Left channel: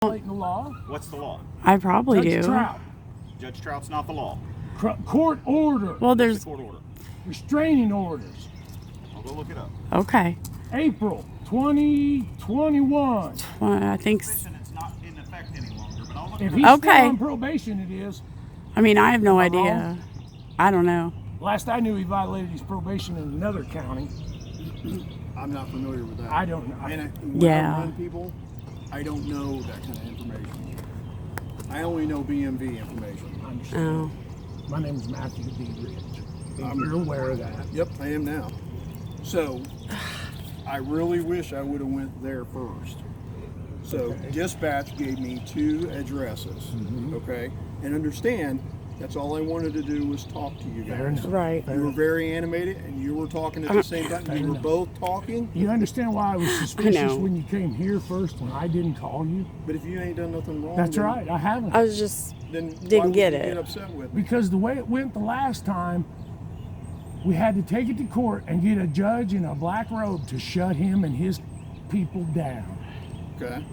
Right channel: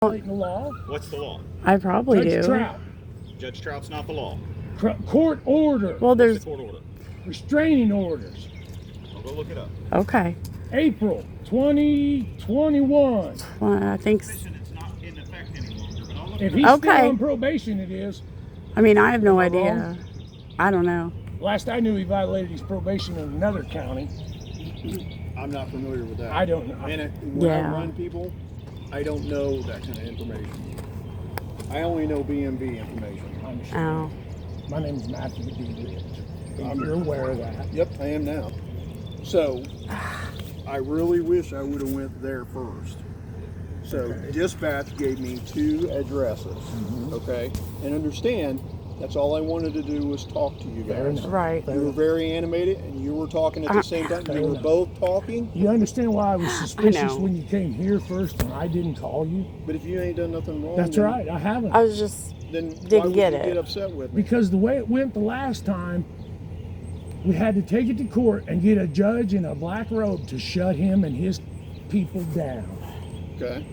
The law? What's the law? I probably Judge do. Trout. Judge Trout's not the law. Court order. Well, What's there's the court order? Restraining orders. I'll go look it up. okay. April 2021. I think. It's not in effect any longer, but I'll look If it he's up. Okay. still on probation, it is. I mean, I have no Am I idea. wrong? I don't know. Last I knew, he violated his probation in another county. I'm not familiar with that. I don't know. And when Yeah. I run people, I don't know that kind of information. I only know BMV information. I understand. Oh. My name is Matthew D. You're aware of that. Yep, I am now. So, I really wish I would have went there first. So, dispatch gave me 2 addresses, okay? And understand, that's all I wanted to do was talk to you Fair guys. enough. Right. You were very animated, and you were talking at the same time. Fair You were enough. both talking, You understand why I was suspicious know. when you came here first and I didn't call you? but if you ain't done nothing wrong, That's then, right, I haven't. I was just. then Didn't why would get you it. get upset with me? Because the way it went the last time, we had to take it to court and get a judge in a black robe to shut him and his people down. Okay.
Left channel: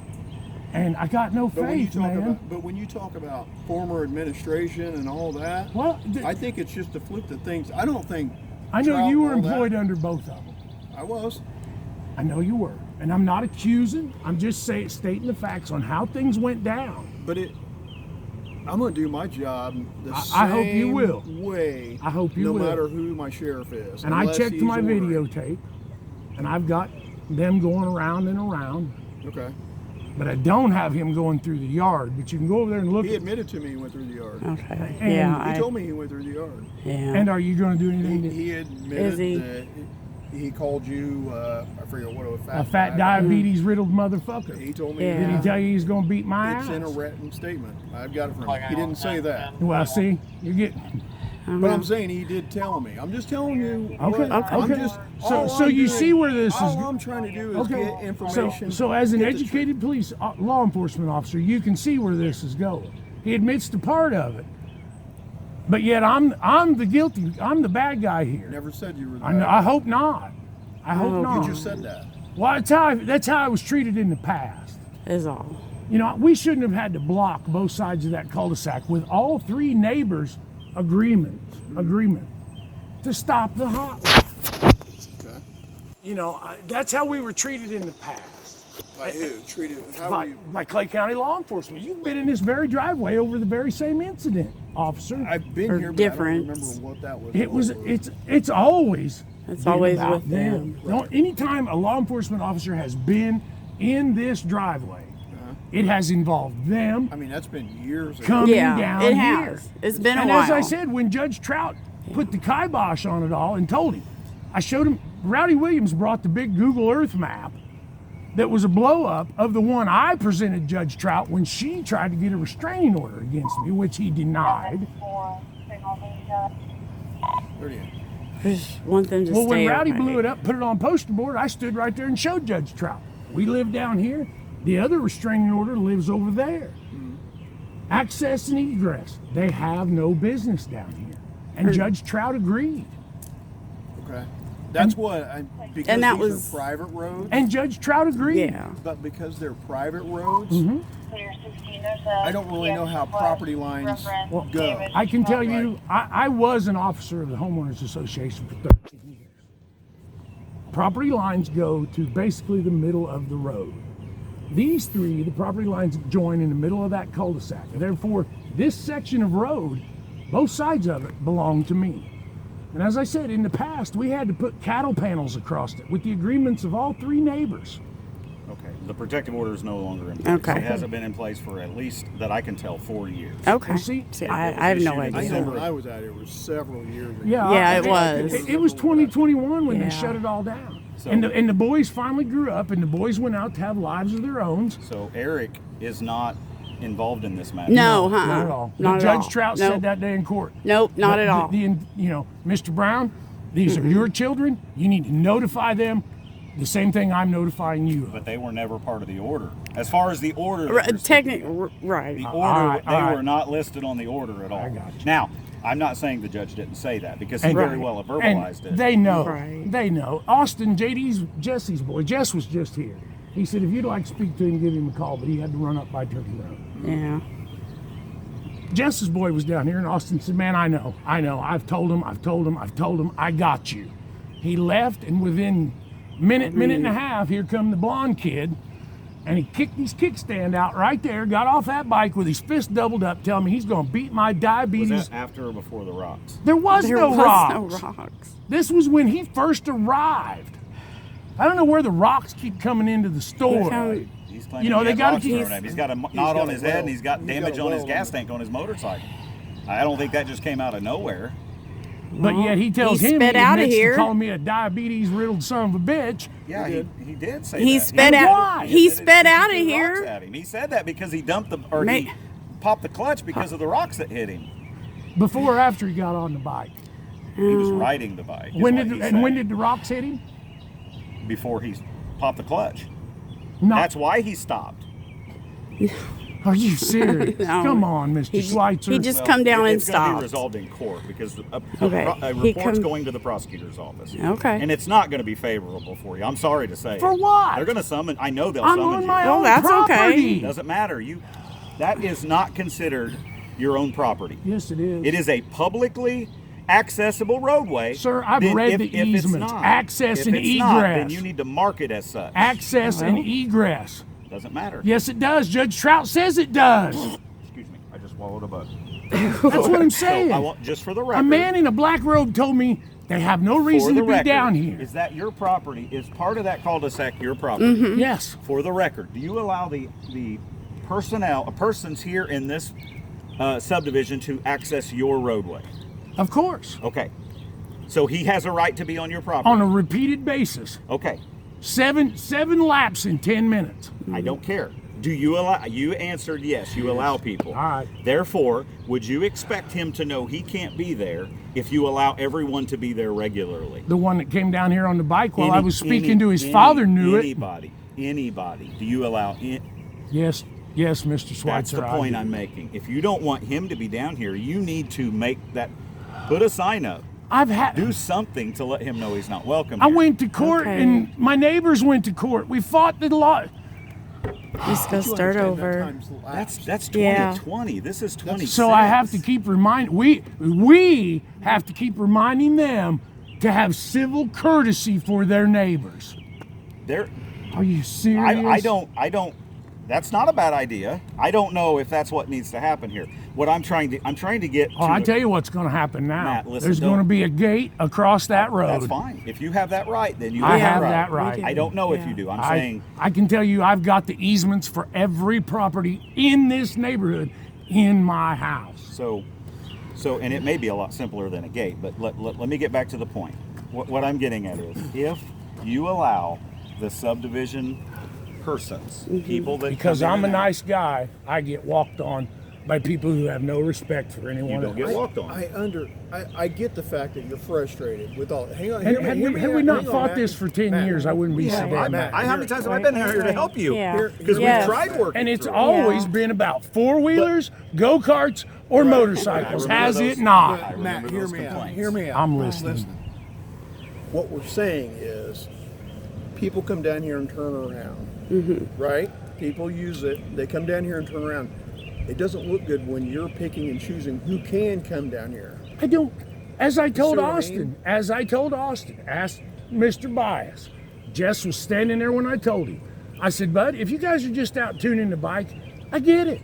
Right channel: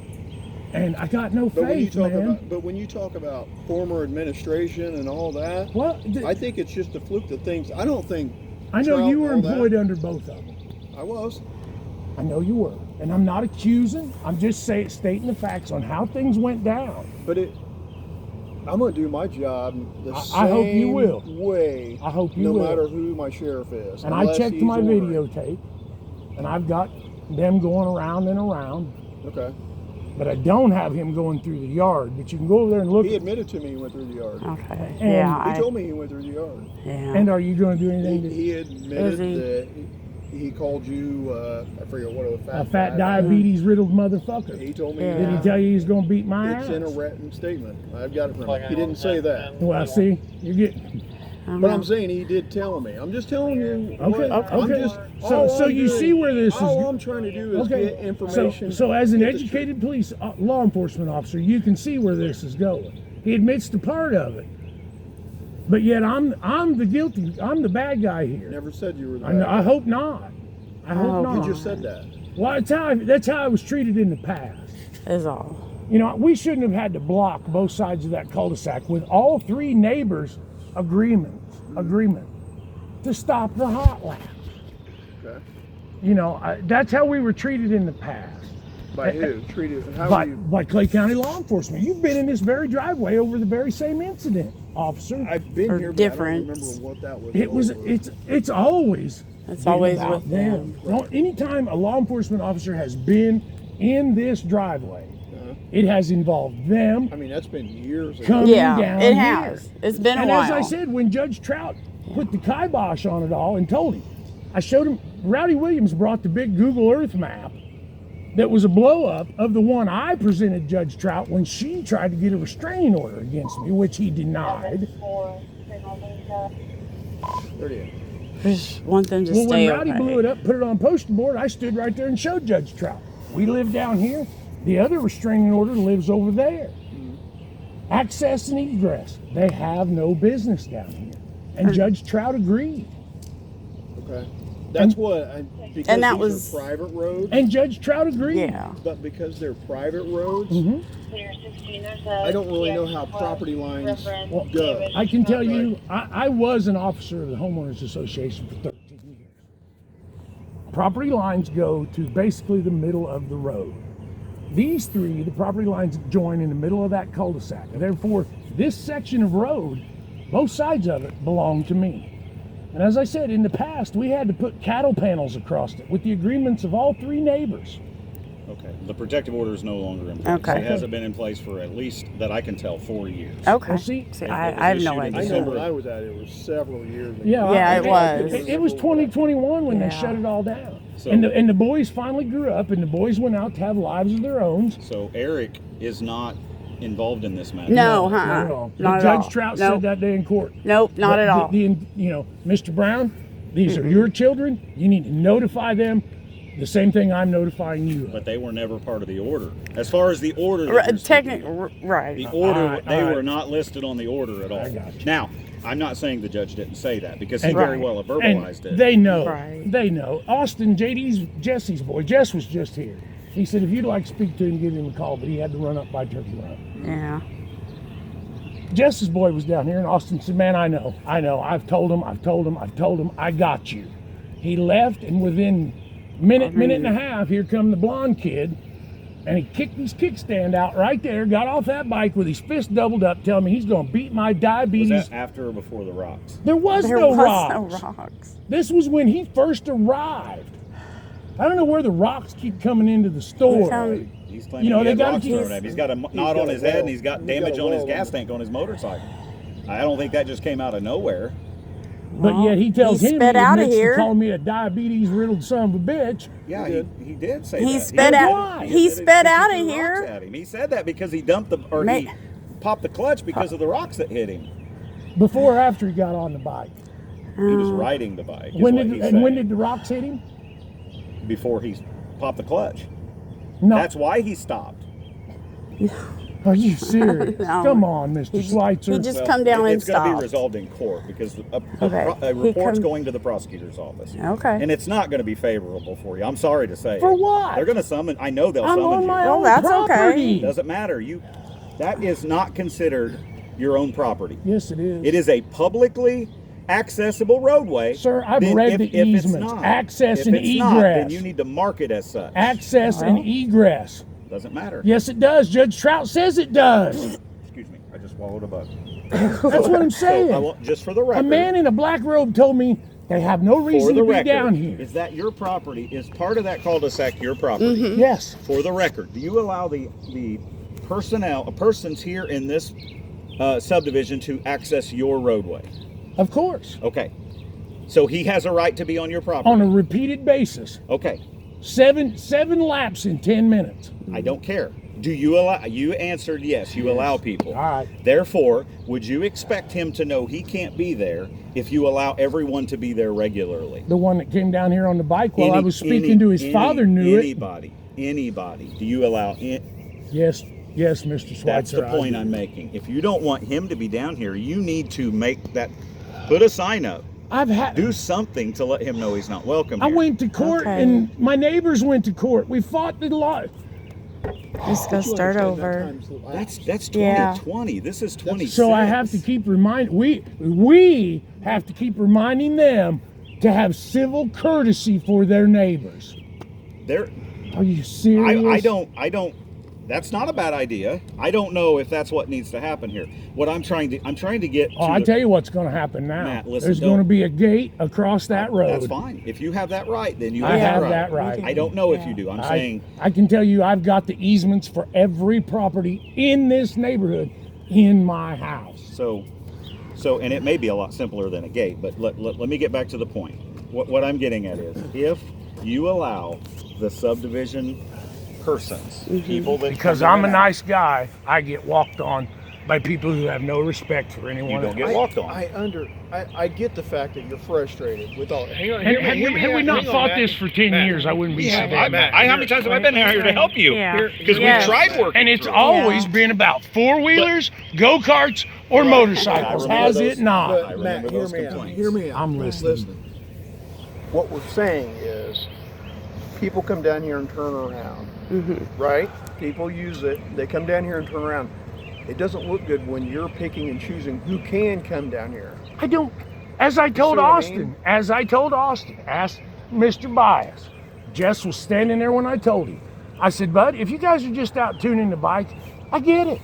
And I got no But when you faith, talk man. about, when you talk about former administration and all that, Well, I think it's just a fluke that things. I don't think. I know Trout you were and all employed that- under both of them. I was. I know you were. And I'm not accusing. I'm just stating the facts on how things went down. But I'm going to do my job the same I hope you will. way. I hope you no will. matter who my sheriff is. And I unless checked he's my ordering. videotape, and I've got them going around and around. Okay. But I don't have him going through the yard. But you can go over there and look. He admitted to me he went through the yard. Okay. And Yeah. He told me he went through the yard. Yeah. And are you going to do anything to He admitted Is he? that he called you. I forget what it was. a fat diabetes riddled motherfucker? He told me. Yeah. Did he tell you he's going to beat my It's ass? in a written statement. I've got it from him. He didn't say that. Well, see, you're getting. But I'm saying he did tell me. I'm just telling you. Okay, I'm okay. just, So all I'm you doing- see where this is All go- I'm trying to do is get information. So as an get the educated police law enforcement officer, you can see where this is going. He admits to part of it, but yet I'm the guilty. I'm the bad guy here. truth. Never said you were the I bad. hope not. I hope Oh, not. You just said that. Well, that's how I was treated in the past. Is all. You know, we shouldn't have had to block both sides of that cul-de-sac with all 3 neighbors' agreement to stop the hotline. Okay. You know, that's how we were treated in the past. By who? Treated? How by, are you? by Clay County law enforcement. You've been in this very driveway over the very same incident, officer. I've been Or here, but different. I don't remember what that was. It was. over. It's always. It's been always about with them. No, anytime a law enforcement officer has been in this driveway, it has involved them I mean, that's been years ago. coming Yeah, down it here. has. It's been a And while. as I said, when Judge Trout put the kibosh on it all and told him, I showed him. Rowdy Williams brought the big Google Earth map. That was a blow up of the one I presented Judge Trout when she tried to get a restraining order against me, which he denied. Where do you? Just want them to Well, stay when Rowdy okay. blew it up, put it on poster board, I stood right there and showed Judge Trout. We live down here. The other restraining order lives over there. Access and egress. They have no business down here. And Judge Trout agreed. Okay. That's because and that these was- are private roads. And Judge Trout agreed. Yeah. But because they're private roads, I don't really know how property lines go. I can tell you, I was an officer of the Homeowners Association for 13 years. Property lines go to basically the middle of the road. These 3, the property lines join in the middle of that cul-de-sac. And therefore, this section of road, both sides of it belong to me. And as I said, in the past, we had to put cattle panels across it with the agreements of all 3 neighbors. Okay. The protective order is no longer in place. Okay. It hasn't been in place for at least, that I can tell, 4 years. Okay. Well, see, I have no issued in I idea. know when I was at it, it was several years ago. Yeah, it was. It was 2021 when Yeah. they shut it all down. So- and the boys finally grew up, and the boys went out to have lives of their own. So Eric is not involved in this matter. No, Not at all. Not at Judge all. Trout Nope. said that day in court. Nope, not at all. Mr. Brown, these are your children. You need to notify them. The same thing I'm notifying you of. But they were never part of the order. As far as the order, that Right, you're speaking right. the order, All right, they all right. were not listed on the order at all. I got you. Now, I'm not saying the judge didn't say that because he And- very well verbalized And it. they know. Right. They know. Austin, Jesse's boy. Jess was just here. He said if you'd like to speak to him, give him a call, but he had to run up by Turkey Road. Yeah. Jess's boy was down here, and Austin said, man, I know. I've told him, I got you. He left, and within minute and a half, here come the blonde kid, and he kicked his kickstand out right there, got off that bike with his fist doubled up, telling me he's going to beat my diabetes. Was that after or before the rocks? There was no rocks. No rocks. This was when he first arrived. I don't know where the rocks keep coming into the store. He's claiming You know, they he gotta had rocks keep- thrown at him. He's got a knot on his head, and he's got damage on his gas tank on his motorcycle. I don't think that just came out of nowhere. But yet he tells him he sped outta admits here. to call me a diabetes-riddled son of a bitch. Yeah, he did say He that. sped And out. why? He said sped he out of threw here. rocks at him. He said that because he dumped he popped the clutch because of the rocks that hit him. Before or after he got on the bike? He was riding the bike. is When what did he and said, when did the rocks hit him? before he popped the clutch. No. That's why he stopped. Are you serious? No. Come on, Mr. Schweitzer. He just come down and it's going to be stopped. resolved in court because a He report's come- going to the prosecutor's office. Okay. And it's not going to be favorable for you. I'm sorry to say. For it. what? They're going to summon. I know they'll I'm summon on you. my Well, own that's property. okay. Doesn't matter. That is not considered your own property. Yes, it is. It is a publicly accessible roadway. Sir, I've Then read the if it's easements. not- Access if and it's not, then egress. you need to mark it as such. Access and egress. Doesn't matter. Yes, it does. Judge Trout says it does. Excuse me. I just swallowed a bug. That's what I'm saying. So I want, just for the record. A man in a black robe told me they have no for reason the to be record, down here. is that your property? Is part of that cul-de-sac your property? Yes. For the record, do you allow the persons here in this subdivision to access your roadway? Of course. Okay. So he has a right to be on your property. On a repeated basis. Okay. Seven laps in 10 minutes. I don't care. Do you allow? You answered yes. You allow people. All right. Therefore, would you expect him to know he can't be there if you allow everyone to be there regularly? The one that came down here on the bike while I was speaking to his father knew Anybody. Do you allow it? Yes, Mr. Schweitzer. That's the point I do. I'm making. If you don't want him to be down here, you need to put a sign up. Do something to let him know he's not welcome I here. went to court Okay. and my neighbors went to court. We fought the law. Just go start over. That's Yeah. 2020. This is 26. So I have to keep we have to keep reminding them to have civil courtesy for their neighbors. There. Are you serious? I don't. That's not a bad idea. I don't know if that's what needs to happen here. What I'm trying to get. Oh, to I the- tell you what's going to happen now. Matt, listen, There's going to don't- be a gate across that road. That's fine. If you have that right, then you I have have that that right. I don't know if you do. I'm saying I can tell you I've got the easements for every property in this neighborhood in my house. so, and it may be a lot simpler than a gate, but let me get back to the point. What I'm getting at is if you allow the subdivision persons, people that Because come in I'm a and out, nice guy, I get walked on by people who have no respect for you anyone don't else. get walked on. I get the fact that you're frustrated with all. Hang on, And had we not fought this for 10 years, I wouldn't be so damn mad. how many times have I been here to help you? Yeah. Because Yes. we've tried working. And it's through it. always been about four-wheelers, go-karts, or motorcycles, I remember has those. it not? I remember Matt, hear those me out. complaints. Hear me out. I'm listening. What we're saying is, people come down here and turn around, right? People use it. They come down here and turn around. It doesn't look good when you're picking and choosing who can come down here. I don't. As I told see what I Austin, mean? ask Mr. Bias. Jess was standing there when I told him. I said, bud, if you guys are just out tuning the bike, I get it.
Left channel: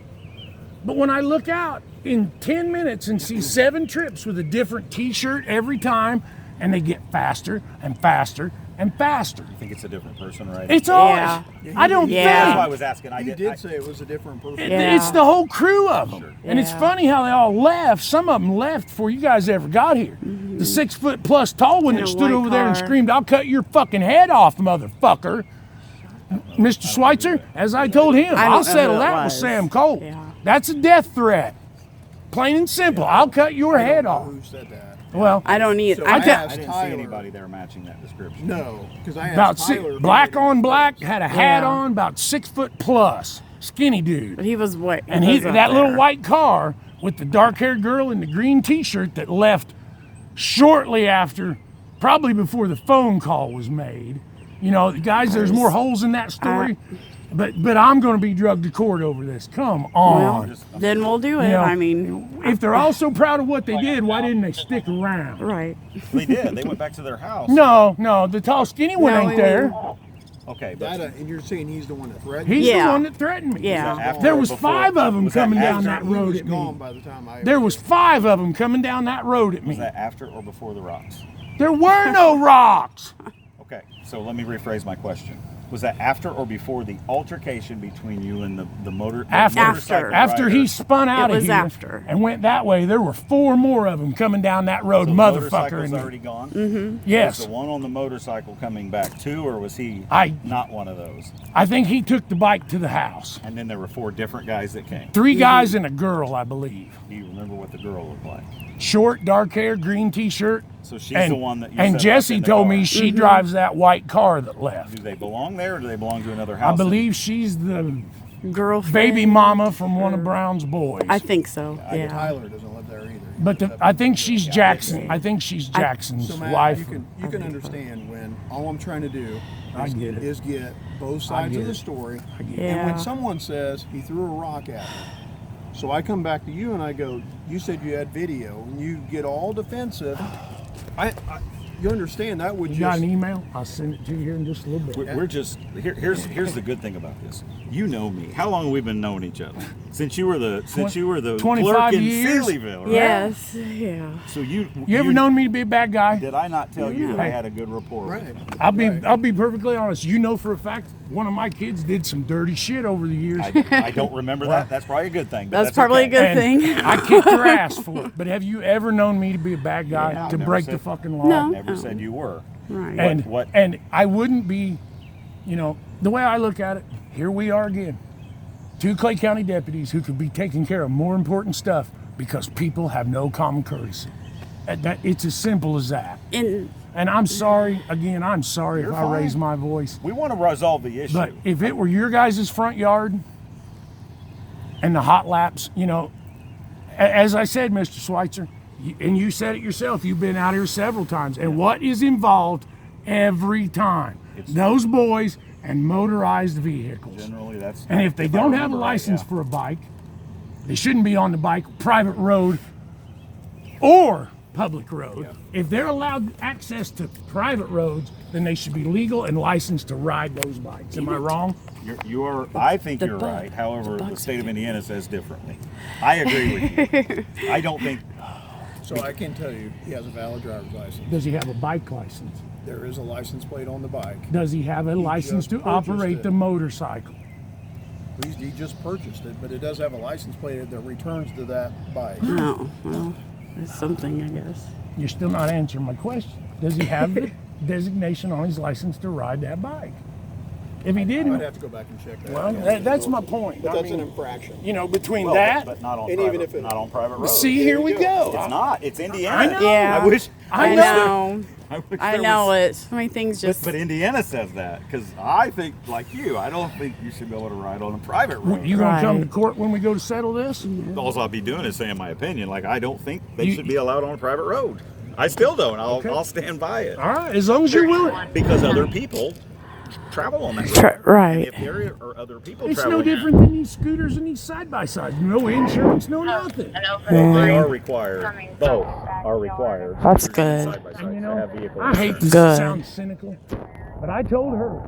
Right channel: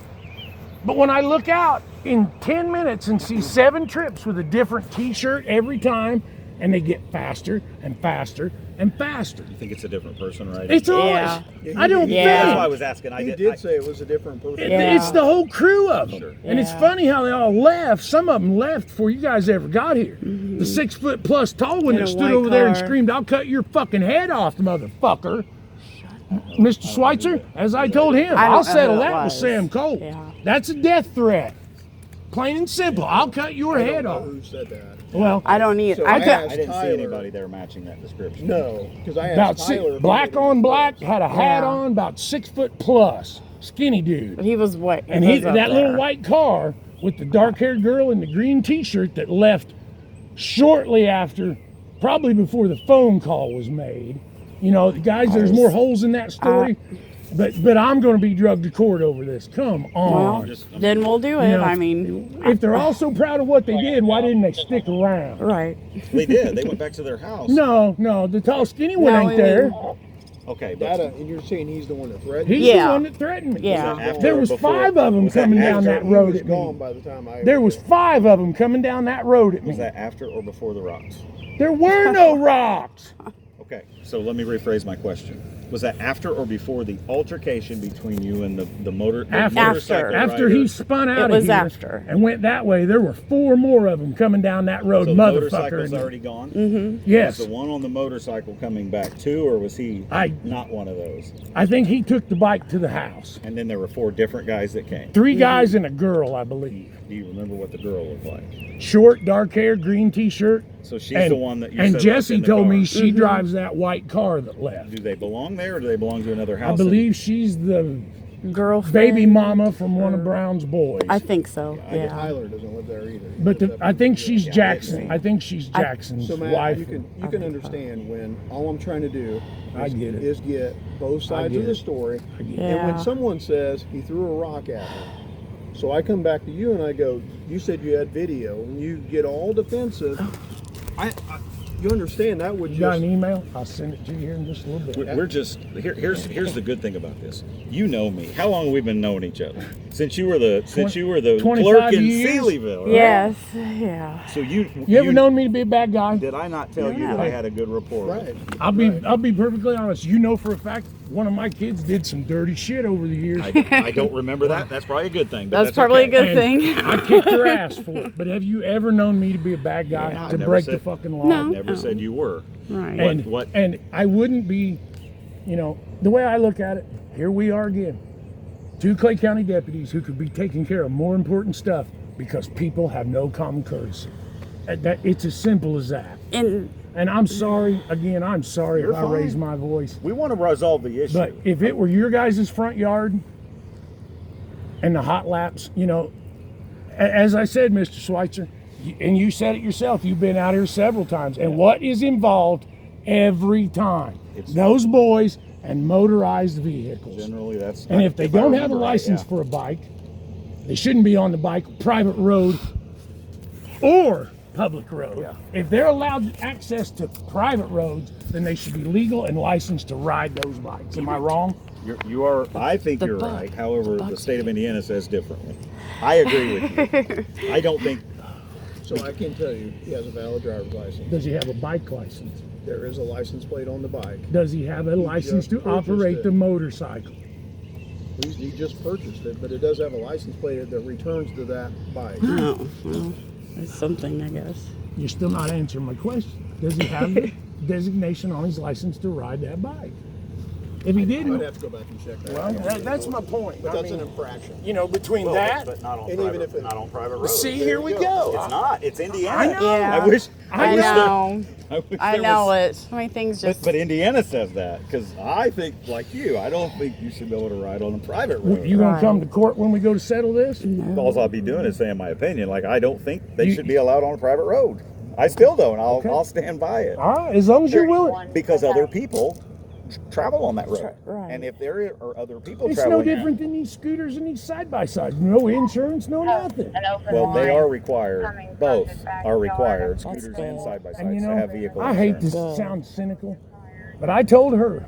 But when I look out in 10 minutes and see 7 trips with a different t-shirt every time, and they get faster and faster and faster. You think it's a different person, right? It's Yeah. ours. I don't Yeah. That's why I think. was asking. He did say it was a different person. Yeah. It's the whole crew of them. Sure. And it's Yeah. funny how they all left. Some of them left before you guys ever got here. The 6-foot-plus tall one In that a stood white over there and car. screamed, I'll cut your fucking head off, motherfucker. Mr. Schweitzer, as I told him, I I'll didn't know settle who it that with was. Sam Cole. Yeah. That's a death threat. Plain and simple. I'll cut your I head don't know off. who said that. Well, I don't need. So I I got. asked I didn't see Tyler. anybody there matching that description. No, because I about asked Tyler. black on black, had a hat Yeah. on, about 6-foot-plus, skinny dude. But he was what? And he, was up that little there. white car with the dark-haired girl in the green T-shirt that left shortly after, probably before the phone call was made, You know, guys, there's more holes in that story. But I'm going to be drugged to court over this. Come on. Well, then we'll do it. You know, I mean, if they're all so proud of what they did, why didn't they stick around? right. They did. They went back to their house. No, the tall skinny one ain't there. Okay, but And you're saying he's the one that threatened He's you? the Yeah. one that threatened me. Yeah. after There or was before? 5 of them Was that coming down after- that He road was at gone me. by the time I. There was 5 of them coming down that road at Was me. that after or before the rocks? There were no rocks. Okay, so let me rephrase my question. Was that after or before the altercation between you and the motorcycle After rider? he spun out It of was here after. and went that way, there were 4 more of them coming down that road, So the motherfucker. motorcycle's And already gone? yes, Was the one on the motorcycle coming back too, or was he not one of those? I think he took the bike to the house. And then there were 4 different guys that came. 3 guys and a girl, I believe. Do you remember what the girl looked like? Short, dark hair, green T-shirt. So she's the one that you And said left Jesse in the told car. me she drives that white car that left. Do they belong there, or do they belong to another house? I believe she's the Girlfriend. baby mama from one of Brown's boys. I think so. Yeah. Tyler doesn't live there either. But I think she's Jackson. I think she's Jackson's So Matt, wife. you can understand when all I'm trying to do I get it. is get both sides get of the it. story. And Yeah. when someone says he threw a rock at me, so I come back to you and I go, you said you had video, and you get all defensive. You understand that would You got just an email? I'll send it to you here in just a little bit. We're just here's the good thing about this. You know me. How long have we been knowing each other? Since you were the 25 clerk in years? Sealyville, right? Yes. Yeah. So you You ever known me to be a bad guy? Did I not tell you that I had a good rapport? right. I'll be perfectly honest. You know for a fact one of my kids did some dirty shit over the years. I don't remember that. That's probably a good thing. But That's probably okay. a good And thing. I kicked her ass for it. But have you ever known me to be a bad guy Yeah, I to never break said- the fucking law? No. Never said you were. Right. And What- and I wouldn't be, you know, the way I look at it, here we are again. 2 Clay County deputies who could be taking care of more important stuff because people have no common courtesy. It's as simple as that. And And I'm sorry, again, I'm sorry You're if I fine. raise my voice. We want to resolve the issue. But if it were your guys' front yard and the hot laps, you know, as I said, Mr. Schweitzer, and you said it yourself, you've been out here several times. And what is involved every time? Those boys and motorized vehicles. Generally, that's. And if they I don't have a remember right, license yeah. for a bike, they shouldn't be on the bike, private road, or public road. Yeah. If they're allowed access to private roads, then they should be legal and licensed to ride those bikes. Am I wrong? You are. I think the you're buck- right. However, the the buck's state of Indiana says differently. I agree with you. I don't think. So I can tell you, he has a valid driver's license. Does he have a bike license? There is a license plate on the bike. Does he have a license to just purchased operate it. the motorcycle? He just purchased it, but it does have a license plate that returns to that bike. no, well, it's something, I guess. You're still not answering my question. Does he have the designation on his license to ride that bike? If he I'd didn't, have to go back and check that. well, that's my point. But I that's an mean, infraction. you know, between Well, that, but not on and private, even if it- not on private roads. see, here we It's go. not. It's Indiana. I know. Yeah. I wish. I know. I wish I there know was- it. So many things just. But Indiana says that because I think, like you, I don't think you should be able to ride on a private road. You gonna come to Right. court when we go to settle this? All I'll be doing is saying my opinion. Like I don't think they should be allowed on a private road. I still don't. I'll stand by it All right, as long as you're willing. because other people travel on that road. Right. And if there are other people It's traveling, no different than these scooters and these side-by-sides. No insurance, no nothing. well, they are required. Both are required. That's Scooters and good. side-by-sides And you to know, have vehicle I hate insurance. to Good. sound cynical, but I told her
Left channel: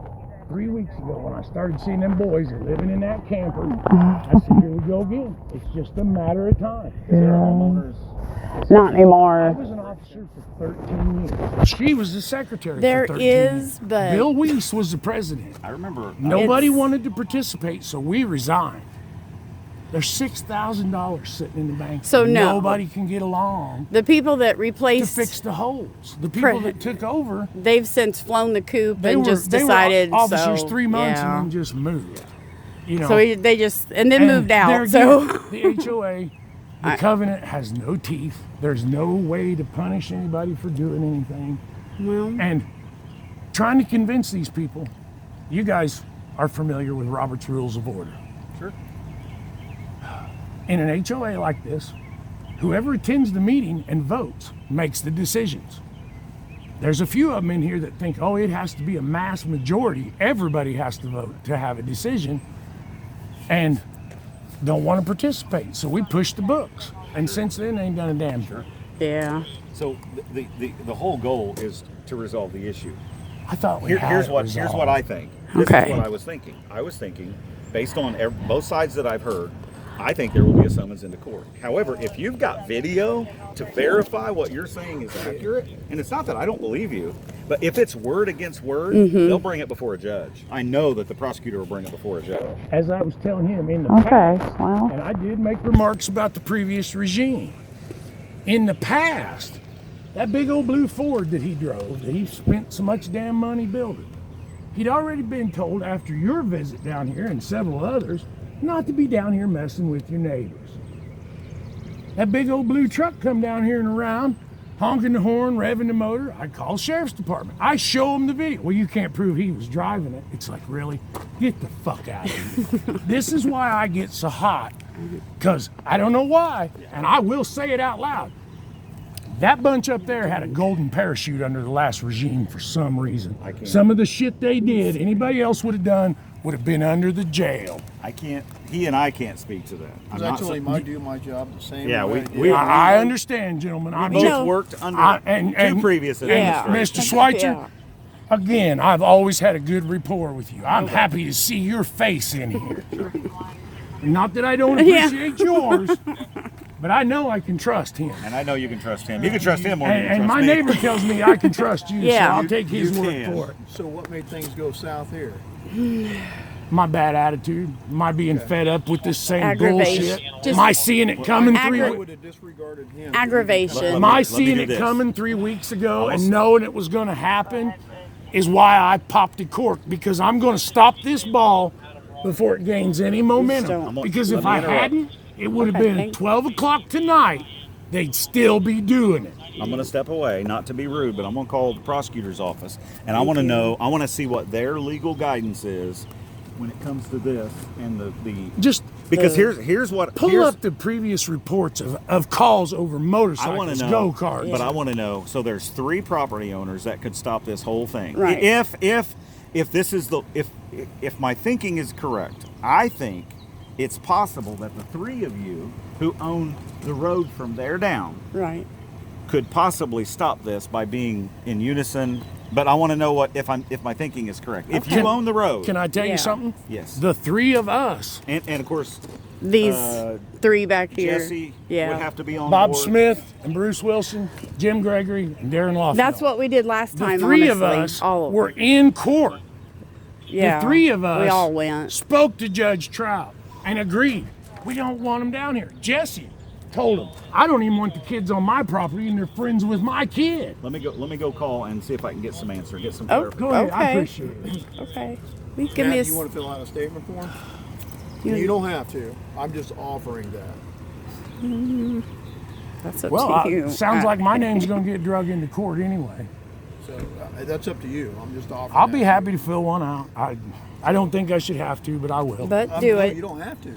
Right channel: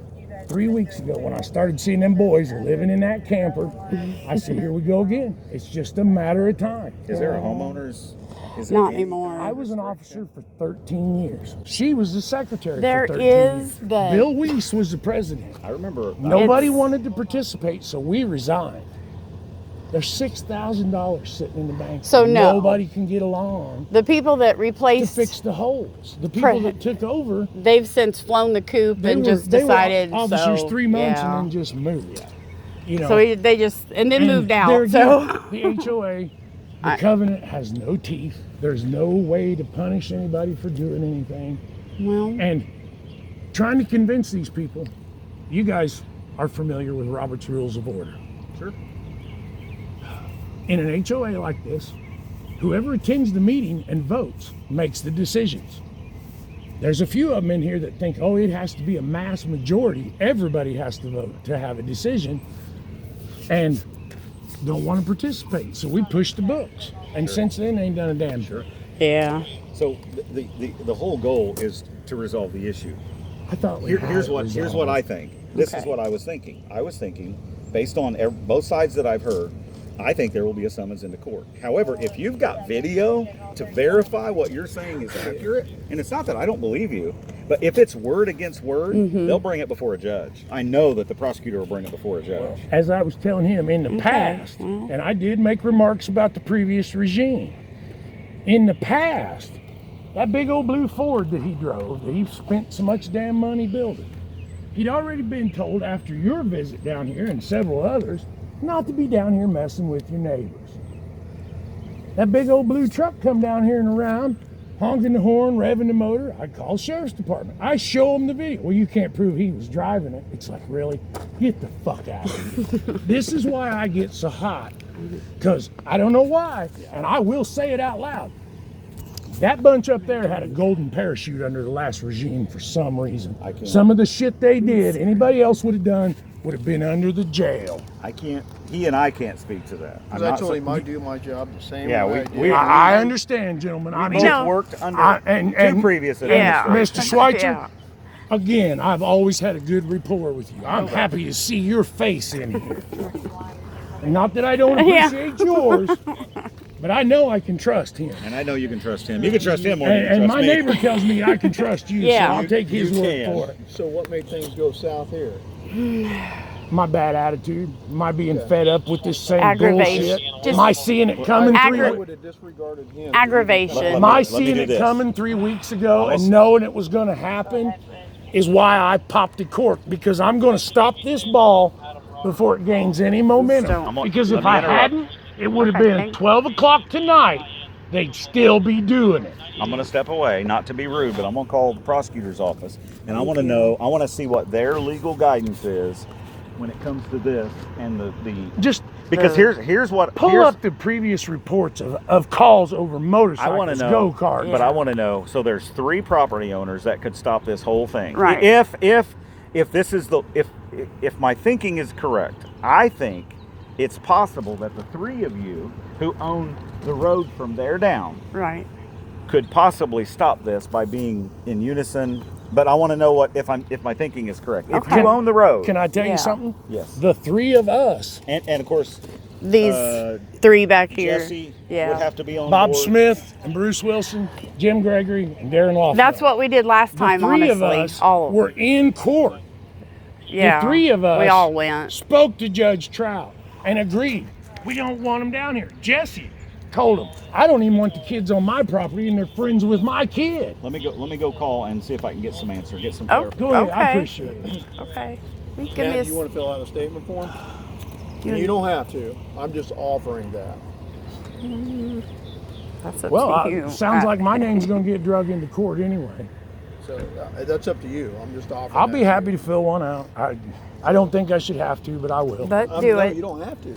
3 weeks ago when I started seeing them boys living in that camper, I said, here we go again. It's just a matter of time. Is there a homeowner's? Not I anymore. was an officer for 13 years. She was the secretary There for 13 is, years. but- Bill Weiss was the president. I remember. Nobody wanted to participate, so we resigned. There's $6,000 sitting in the bank. So no. Nobody can get along The people that to replaced, fix the holes. The people that took over, they've since flown the coop they and were, just they decided. were officers so, 3 months yeah. and then just moved. You know, So they just and then and moved there out. again, So the HOA, the covenant has no teeth. There's no way to punish anybody for doing anything. well, And trying to convince these people, you guys are familiar with Robert's Rules of Order. Sure. In an HOA like this, whoever attends the meeting and votes makes the decisions. There's a few of them in here that think, oh, it has to be a mass majority. Everybody has to vote to have a decision, and don't want to participate. So we push the books. And since then, they ain't done a damn thing. Yeah. So the whole goal is to resolve the issue. I thought we Here's what I think. This Okay. is what I was thinking. I was thinking, based on both sides that I've heard, I think there will be a summons into court. However, if you've got video to verify what you're saying is accurate, and it's not that I don't believe you, but if it's word against word, they'll bring it before a judge. I know that the prosecutor will bring it before a judge. As I was telling him in the Okay, past, well. and I did make remarks about the previous regime. In the past, that big old blue Ford that he drove, that he spent so much damn money building, he'd already been told after your visit down here and several others not to be down here messing with your neighbors. That big old blue truck come down here and around, honking the horn, revving the motor. I call the sheriff's department. I show him the video. Well, you can't prove he was driving it. It's like, really? Get the fuck out of here. This is why I get so hot, because I don't know why, and I will say it out loud. That bunch up there had a golden parachute under the last regime for some reason. I can't. Some of the shit they did, anybody else would have done, would have been under the jail. He and I can't speak to that. Because I told him I do my job the same Yeah, way we- I understand, gentlemen. I both know- worked under and two previous Yeah. administrations. Mr. Schweitzer, Yeah. again, I've always had a good rapport with you. I'm happy to see your face in here. And not that I don't Yeah. appreciate yours, but I know I can trust him. And I know you can trust him. You can trust him more than you And trust my me. neighbor tells me I can trust you, Yeah. so I'll take his You word can. for it. So what made things go south here? My bad attitude, my being fed up with this same Aggravation. bullshit, Just- my seeing it coming I 3 Aggra- weeks. would have disregarded him. Aggravation. My Let me seeing do it this. coming 3 weeks ago and knowing it was going to happen is why I popped the cork, because I'm going to stop this ball before it gains any momentum. Don't. Because Let if me I interrupt. hadn't, it would have Okay, been thank- 12 o'clock tonight. They'd still be doing it. I'm going to step away, not to be rude, but I'm going to call the prosecutor's office, and I want to know, I want to see what their legal guidance is when it comes to this and the Just because here's what pull here's, up the previous reports of calls over I want to motorcycles, know, go-karts. but I want to know. So there's 3 property owners that could stop this whole thing. Right. If this is if my thinking is correct, I think it's possible that the 3 of you who own the road from there down Right. could possibly stop this by being in unison. But I want to know what if my thinking is correct. If Okay. you own the road, Can I tell Yeah. you something? yes, The 3 of us, and of course These Uh, 3 back here. Jesse Yeah. would have to be on Bob board. Smith and Bruce Wilson, Jim Gregory, and Darren Lawson. That's what we did last the time, 3 honestly. of us all of were in court. yeah. The 3 of us We all went. spoke to Judge Trout and agreed. We don't want them down here. Jesse told him, I don't even want the kids on my property and they're friends with my kid. Let me go call and see if I can get some answer, get some Oh, clarification. Go ahead, I Okay. appreciate it. Okay. We give me Yeah, a you want to fill out a statement for him? you- You don't have to. I'm just offering that. That's up Well, to you. sounds like my name's going to get drug into court anyway. So that's up to you. I'm just offering. I'll be that. happy to fill one out. I don't think I should have to, but I will. But do no, it. You don't have to.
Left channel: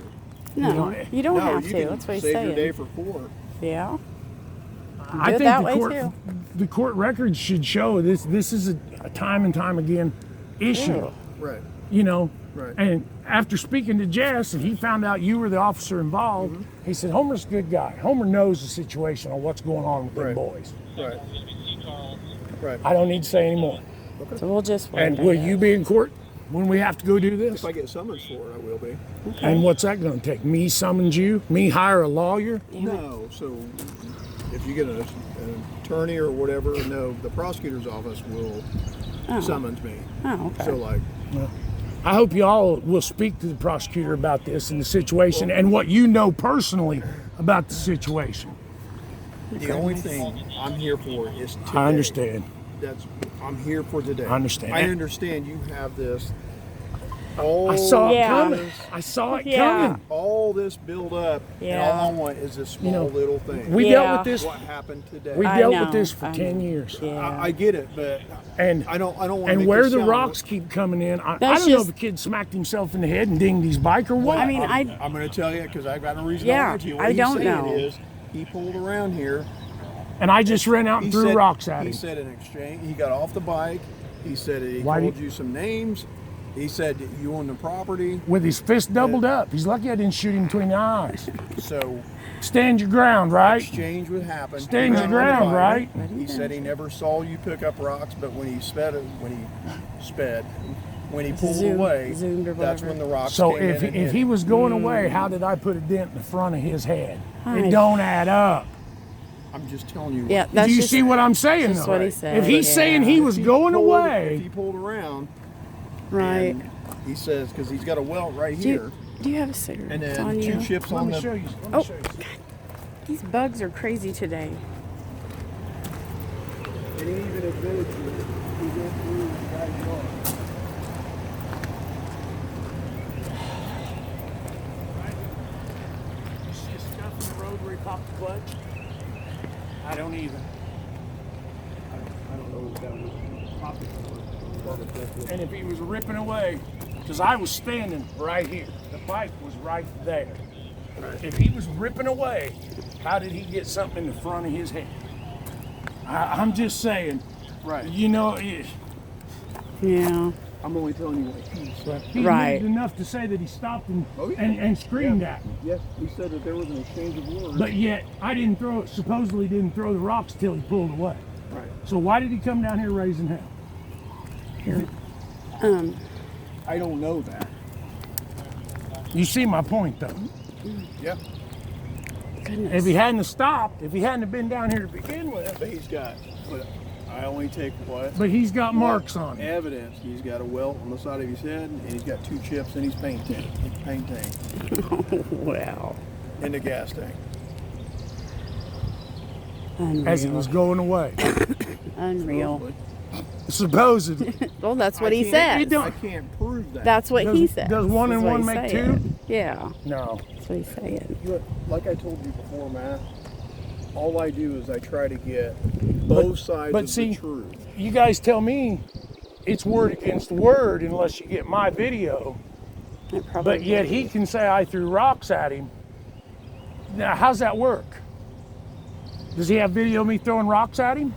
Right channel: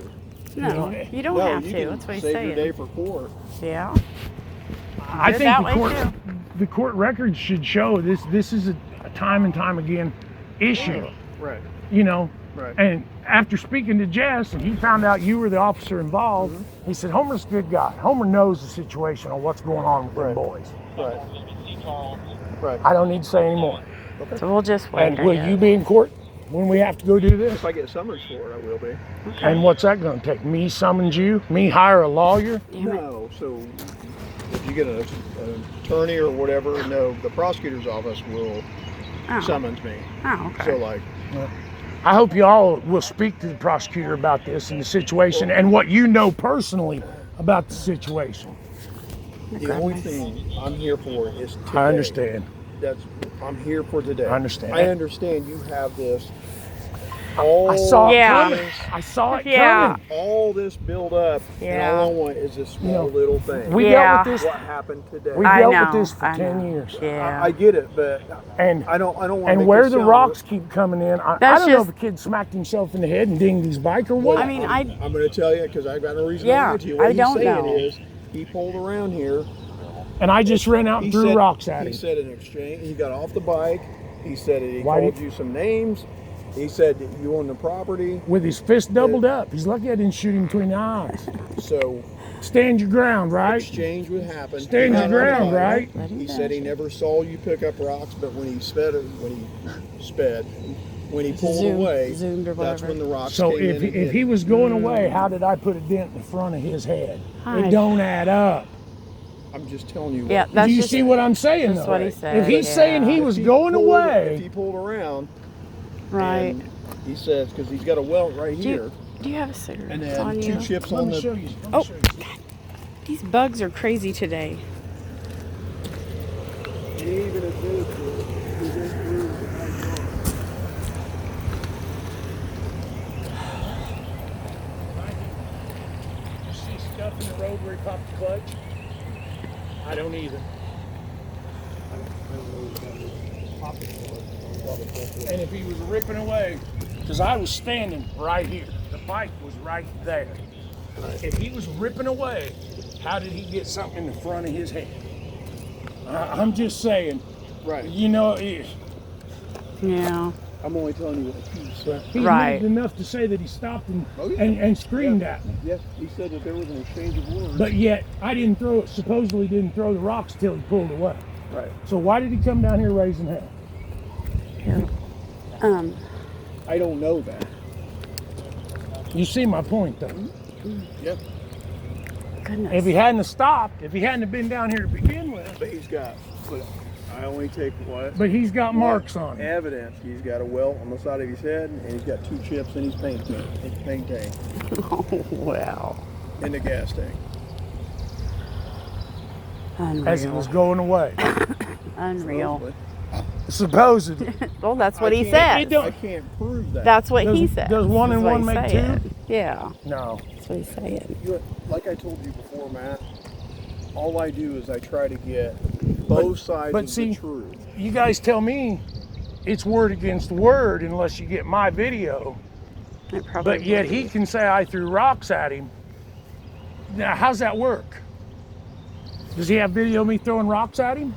No, you don't No, have you to. can That's what he's save your day saying. for court. Yeah. I Good think that the way, court, too. the court records should show this. This is a time and time again issue. Right. You know, Right. and after speaking to Jess and he found out you were the officer involved, he said Homer's a good guy. Homer knows the situation on what's going on with them Right. boys. Right. Right. I don't need to say any more. So we'll just wait. And I will guess. you be in court when we have to go do this? If I get summons for it, I will be. And what's that going to take? Me summons you? Me hire a lawyer? No. So if you get an attorney or whatever, no, the prosecutor's office will Oh. summons me. Oh, okay. So like, I hope you all will speak to the prosecutor about this and the situation and what you know personally about the situation. the only thing I'm here for is today. I understand. I'm here for today. I understand. I understand you have this. All I saw Yeah. it coming. I saw it Yeah. coming. all this build up, and Yeah. all I want is this small You know, little thing. We Yeah. dealt with this. What happened today? We I dealt know, with this for I 10 know. years. Yeah. I get it, but And I don't want to and make where this the sound rocks keep coming in, I That's don't know just- if a kid smacked himself in the head and dinged his bike or what. I mean, I'm going to tell you because I've got no reason Yeah, to lie to you. What I he's don't saying know. is he pulled around here And I just ran out and threw rocks at him. He said in exchange, he got off the bike. He said he Why called did- you some names. He said that you own the property. With his fist doubled up. He's lucky I didn't shoot him between the eyes. So Stand your ground, right? exchange would happen. Stand your ground, right? He said he never saw you pick up rocks, but when he pulled away, zoomed or that's whatever. when the rocks So came if in. if he was going away, how did I put a dent in the front of his head? Hi. It don't add up. I'm just telling you. Yeah, what- that's Do you just, see what I'm saying? just though? what he said. If he's yeah. saying he was going If away, he pulled around, right. and he says because he's got a welt right Do here, you have a cigarette and then on two you? chips let on me the. show you. Oh, God. These bugs are crazy today. And he even admitted to it. He went through and had it wrong. You see stuff in the road where he popped the clutch? I don't either. I don't know who's got it. Pop it. And if he was ripping away, because I was standing right here, the bike was right there. If he was ripping away, how did he get something in the front of his head? I'm just saying, Right. you know, Yeah. I'm only telling you what he said. he Right. needed enough to say that he stopped and, Oh, yeah. and screamed at me. Yes, he said that there was an exchange of words. But yet, I supposedly didn't throw the rocks till he pulled away. Right. So why did he come down here raising hell? I don't know that. You see my point, though. Yeah. Goodness. If he hadn't have stopped, if he hadn't have been down here to begin with, But he's got. But I only take what but he's got marks on him. evidence. He's got a welt on the side of his head, and he's got two chips in his paint tank Wow. in the gas tank. Unreal. As he was going away. Unreal. Supposedly. Well, that's what he It said. don't- I can't prove that. That's what he Does- said. does one and one make two? Yeah, No. that's what he's saying. Look, like I told you before, Matt, all I do is I try to get both sides but of see, the truth. You guys tell me it's word against word unless you get my video. It probably But yet he can say I threw rocks at him. Now, how's that work? Does he have video of me throwing rocks at him?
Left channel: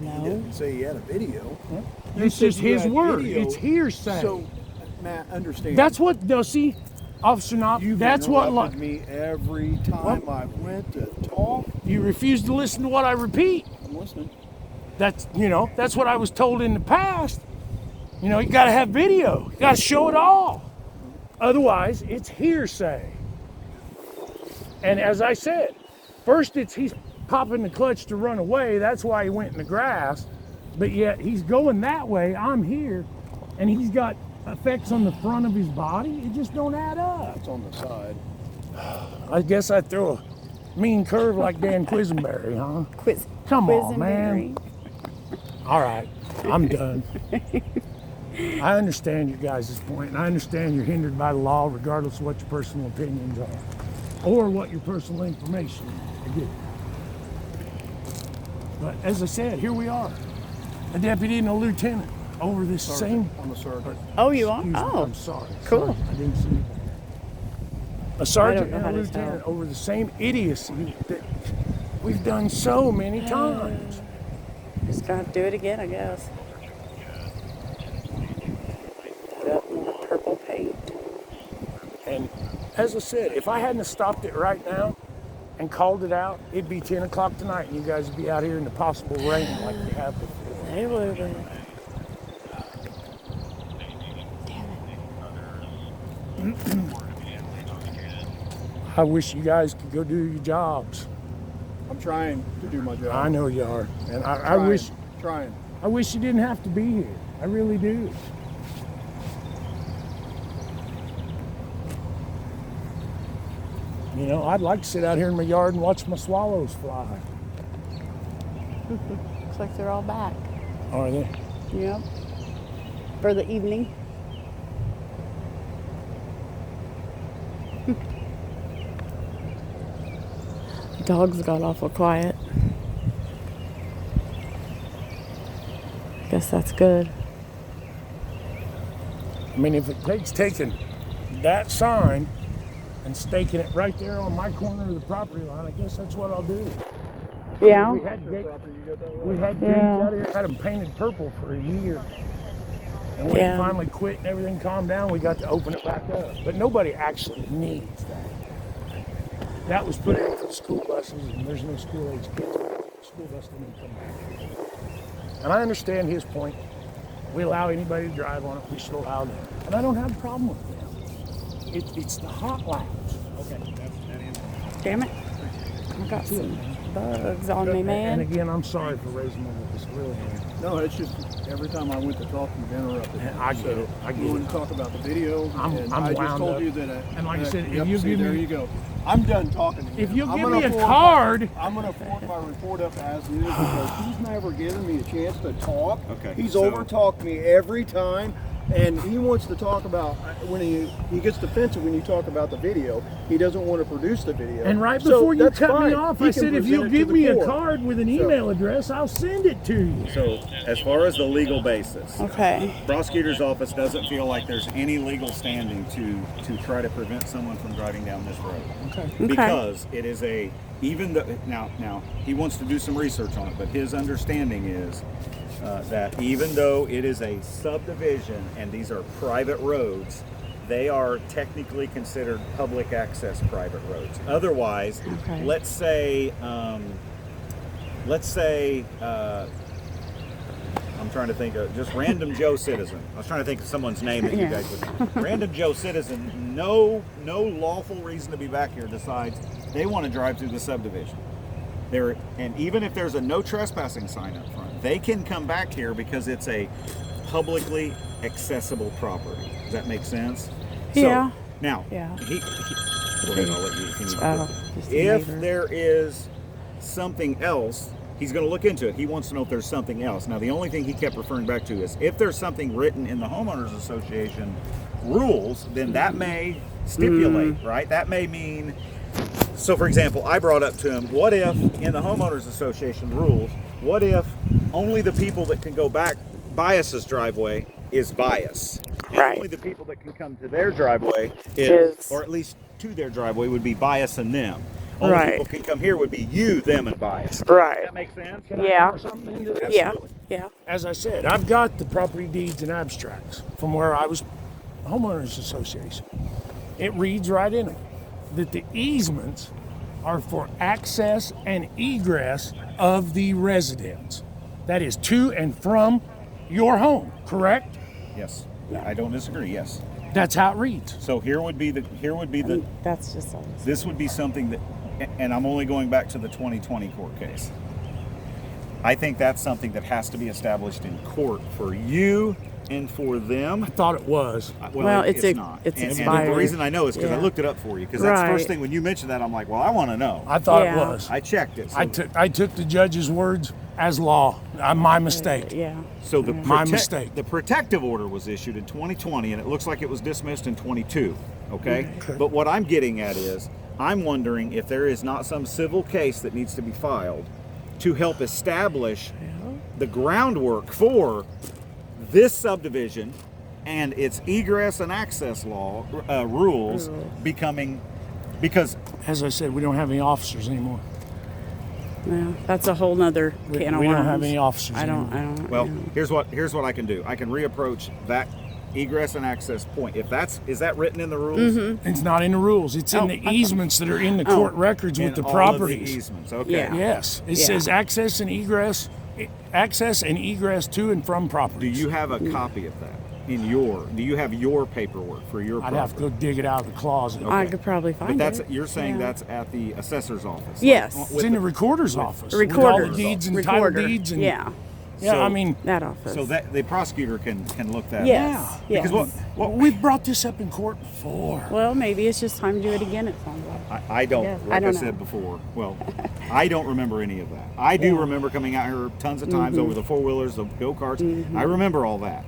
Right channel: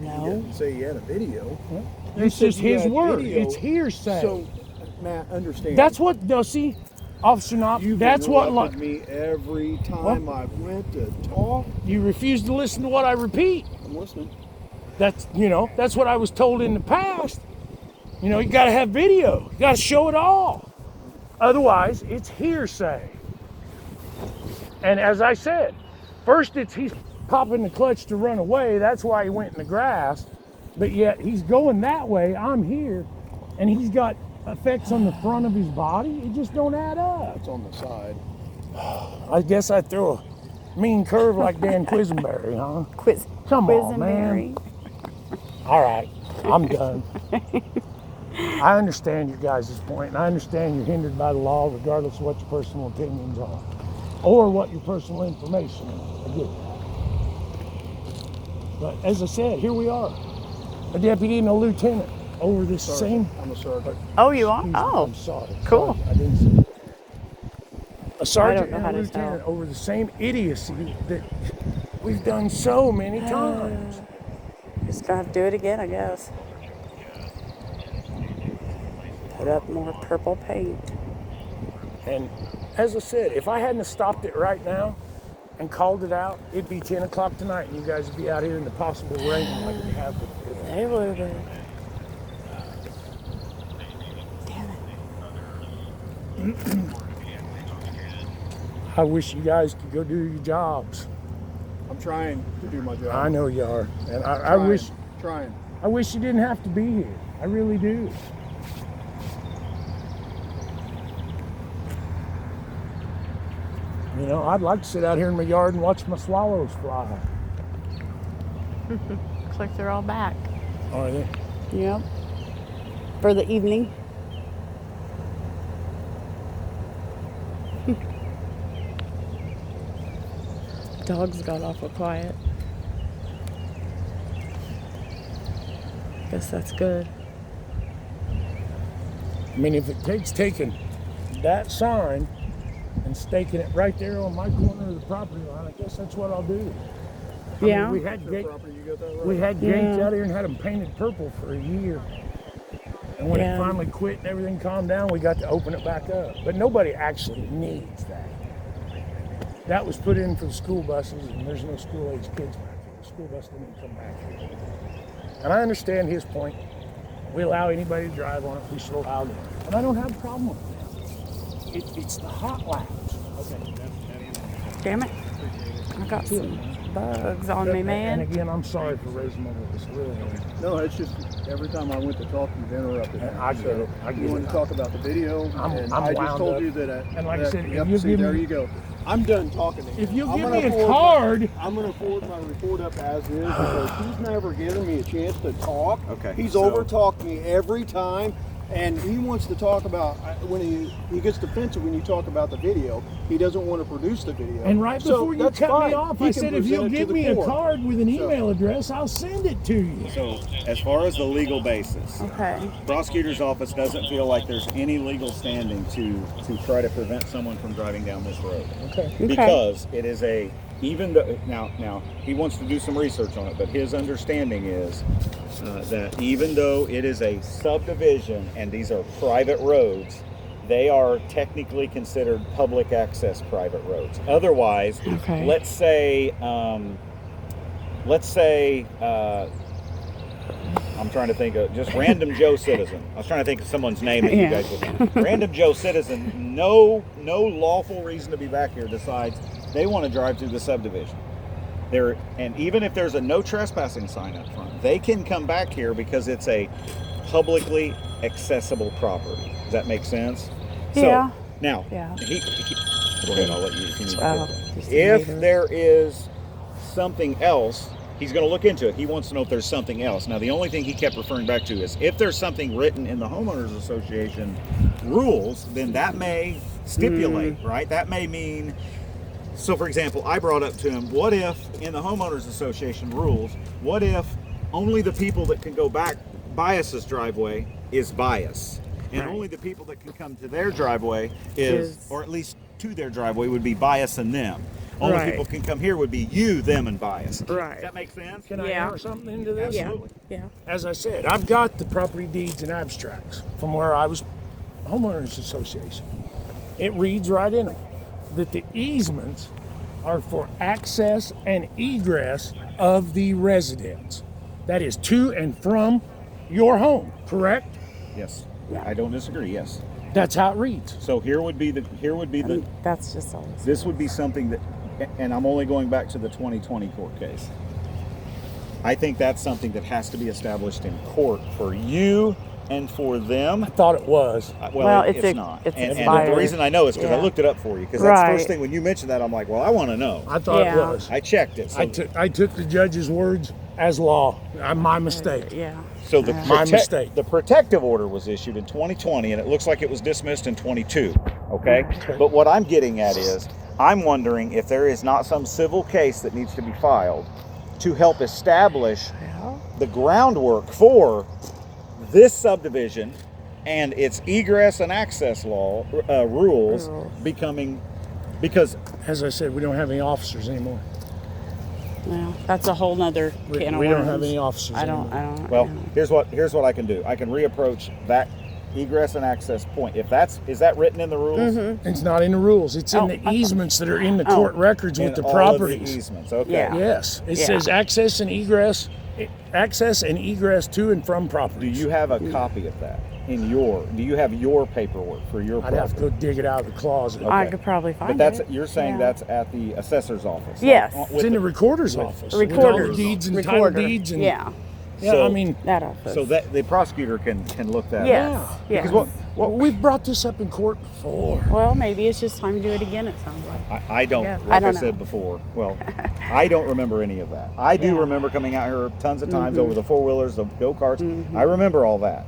He No. didn't say he had a video. It's said just you his had word. video. It's hearsay. So, Matt, understand. That's what does see, Officer Knopf. You've That's what interrupted me every time I went to talk. you refuse to listen to what I repeat. I'm listening. That's what I was told in the past. You got to have video. You got to show it all. Otherwise, it's hearsay. And as I said, first he's popping the clutch to run away. That's why he went in the grass. But yet he's going that way. I'm here, and he's got effects on the front of his body. It just don't add up. It's on the side. I guess I throw a mean curve like Dan Quisenberry, huh? Quiz. Come Quiz on, and man. Mary. All right, I'm done. I understand your guys' point, and I understand you're hindered by the law regardless of what your personal opinions are or what your personal information is. I get it. But as I said, here we are. A deputy and a lieutenant over this same... I'm a sergeant. Oh, you are? Excuse me, Oh, I'm sorry. cool. Sorry, I didn't say that. A sergeant know and how a to lieutenant tell. over the same idiocy that we've done so many times. just gonna have to do it again, I guess. Put up more purple paint. And as I said, if I hadn't have stopped it right now and called it out, it'd be 10 o'clock tonight and you guys would be out here in the possible rain like we have before. They would have. I wish you guys could go do your jobs. I'm trying to do my job. I know you are. And I wish Trying. you didn't have to be here. I really do. I'd like to sit out here in my yard and watch my swallows fly. Looks like they're all back. Are they? Yep. For the evening. Dogs got awful quiet. Guess that's good. I mean, if it takes taking that sign and staking it right there on my corner of the property line, I guess that's what I'll do. Yeah. We had gates Yeah. out here and had them painted purple for a year. And when it Yeah. finally quit and everything calmed down, we got to open it back up. But nobody actually needs that. That was put in for the school buses, and there's no school age kids. School bus didn't come back. And I understand his point. We allow anybody to drive on it. We should allow them. And I don't have a problem with them. It's the hot laps. Damn it. I got some bugs on me, And man. again, I'm sorry for raising my voice. Really. No, it's just every time I went to talk, you've interrupted. And I get it. I You get want it. to talk about the video, and I'm I just wound told up. you that. And like I said, if yep, you see, give there me- you go. I'm done talking to him. If you'll I'm give gonna me a forward my- card. I'm going to forward my report up as is because he's never given me a chance to talk. Okay, He's so- over-talked me every time, and he wants to talk about when he gets defensive when you talk about the video. He doesn't want to produce the video. And right So before you that's cut fine. me off, He I can said, if present you'll it to give the me a court. card with an So- email address, I'll send it to you. So, as far as the legal basis, Okay. prosecutor's office doesn't feel like there's any legal standing to try to prevent someone from driving down this road. Okay. Because it is even though now he wants to do some research on it, but his understanding is that even though it is a subdivision and these are private roads, they are technically considered public access private roads. Otherwise, Okay. let's say I'm trying to think of just random Joe citizen. I was trying to think of someone's name that you Yeah. guys would know. Random Joe citizen, no lawful reason to be back here besides they want to drive through the subdivision. And even if there's a no trespassing sign up front, they can come back here because it's a publicly accessible property. Does that make sense? Yeah. So, now, Yeah. go ahead, I'll let you finish. Just a If neighbor. there is something else, he's going to look into it. He wants to know if there's something else. Now, the only thing he kept referring back to is if there's something written in the homeowners association rules, then that may stipulate, right? That may mean. So, for example, I brought up to him, what if in the homeowners association rules, what if only the people that can go back Bias's driveway is Bias, and Right. only the people that can come to their driveway is, Is- or at least to their driveway would be Bias and them. Only Right. people can come here would be you, them, and Bias. Does Right. that make sense? Can I Yeah. add something into this? Yeah. Yeah. As I said, I've got the property deeds and abstracts from where I was homeowners association. It reads right in them that the easements are for access and egress of the residents. That is to and from your home, correct? Yes. I don't disagree. Yes. That's how it reads. So here would be the That's just all. this would be something that, and I'm only going back to the 2020 court case. I think that's something that has to be established in court for you and for them. I thought it was. Well, it's not. it's and expired. the reason I know is because I Yeah. looked it up for you. Because that's the first Right. thing when you mentioned that, I'm like, well, I want to know. I thought Yeah. it was. I checked it. So, I took the judge's words as law. My mistake. Yeah. so the My mistake. the protective order was issued in 2020, and it looks like it was dismissed in 22. Okay? But what I'm getting at is, I'm wondering if there is not some civil case that needs to be filed to help establish the groundwork for this subdivision and its egress and access law rules becoming, because As I said, we don't have any officers anymore. Yeah. That's a whole nother We, can of we don't worms. have any officers I don't. anymore. I don't. well, here's what I can do. I can reapproach that egress and access point. If is that written in the rules? It's not in the rules. It's in the easements that are in the court records with In the all of the properties. easements. Okay. Yeah. Yes, it Yeah. says access and egress to and from Do properties. you have a copy of that in your? Do you have your paperwork for your I'd have property? to dig it out of the closet. I Okay. could probably find But that's it. you're saying Yeah. that's at the assessor's office. Yes. It's in the recorder's office. with all the Recorders. deeds and Recorder. title deeds. And, Yeah. Yeah, So- I mean, That office. So that the prosecutor can look that Yes. up. Yes. Because we've brought this up in court before. Well, maybe it's just time to do it again. It sounds like. I don't, Yeah, like I don't I said know. before, well, I don't remember any of that. I do Yeah. remember coming out here tons of times over the four-wheelers, the go-karts. I remember all that.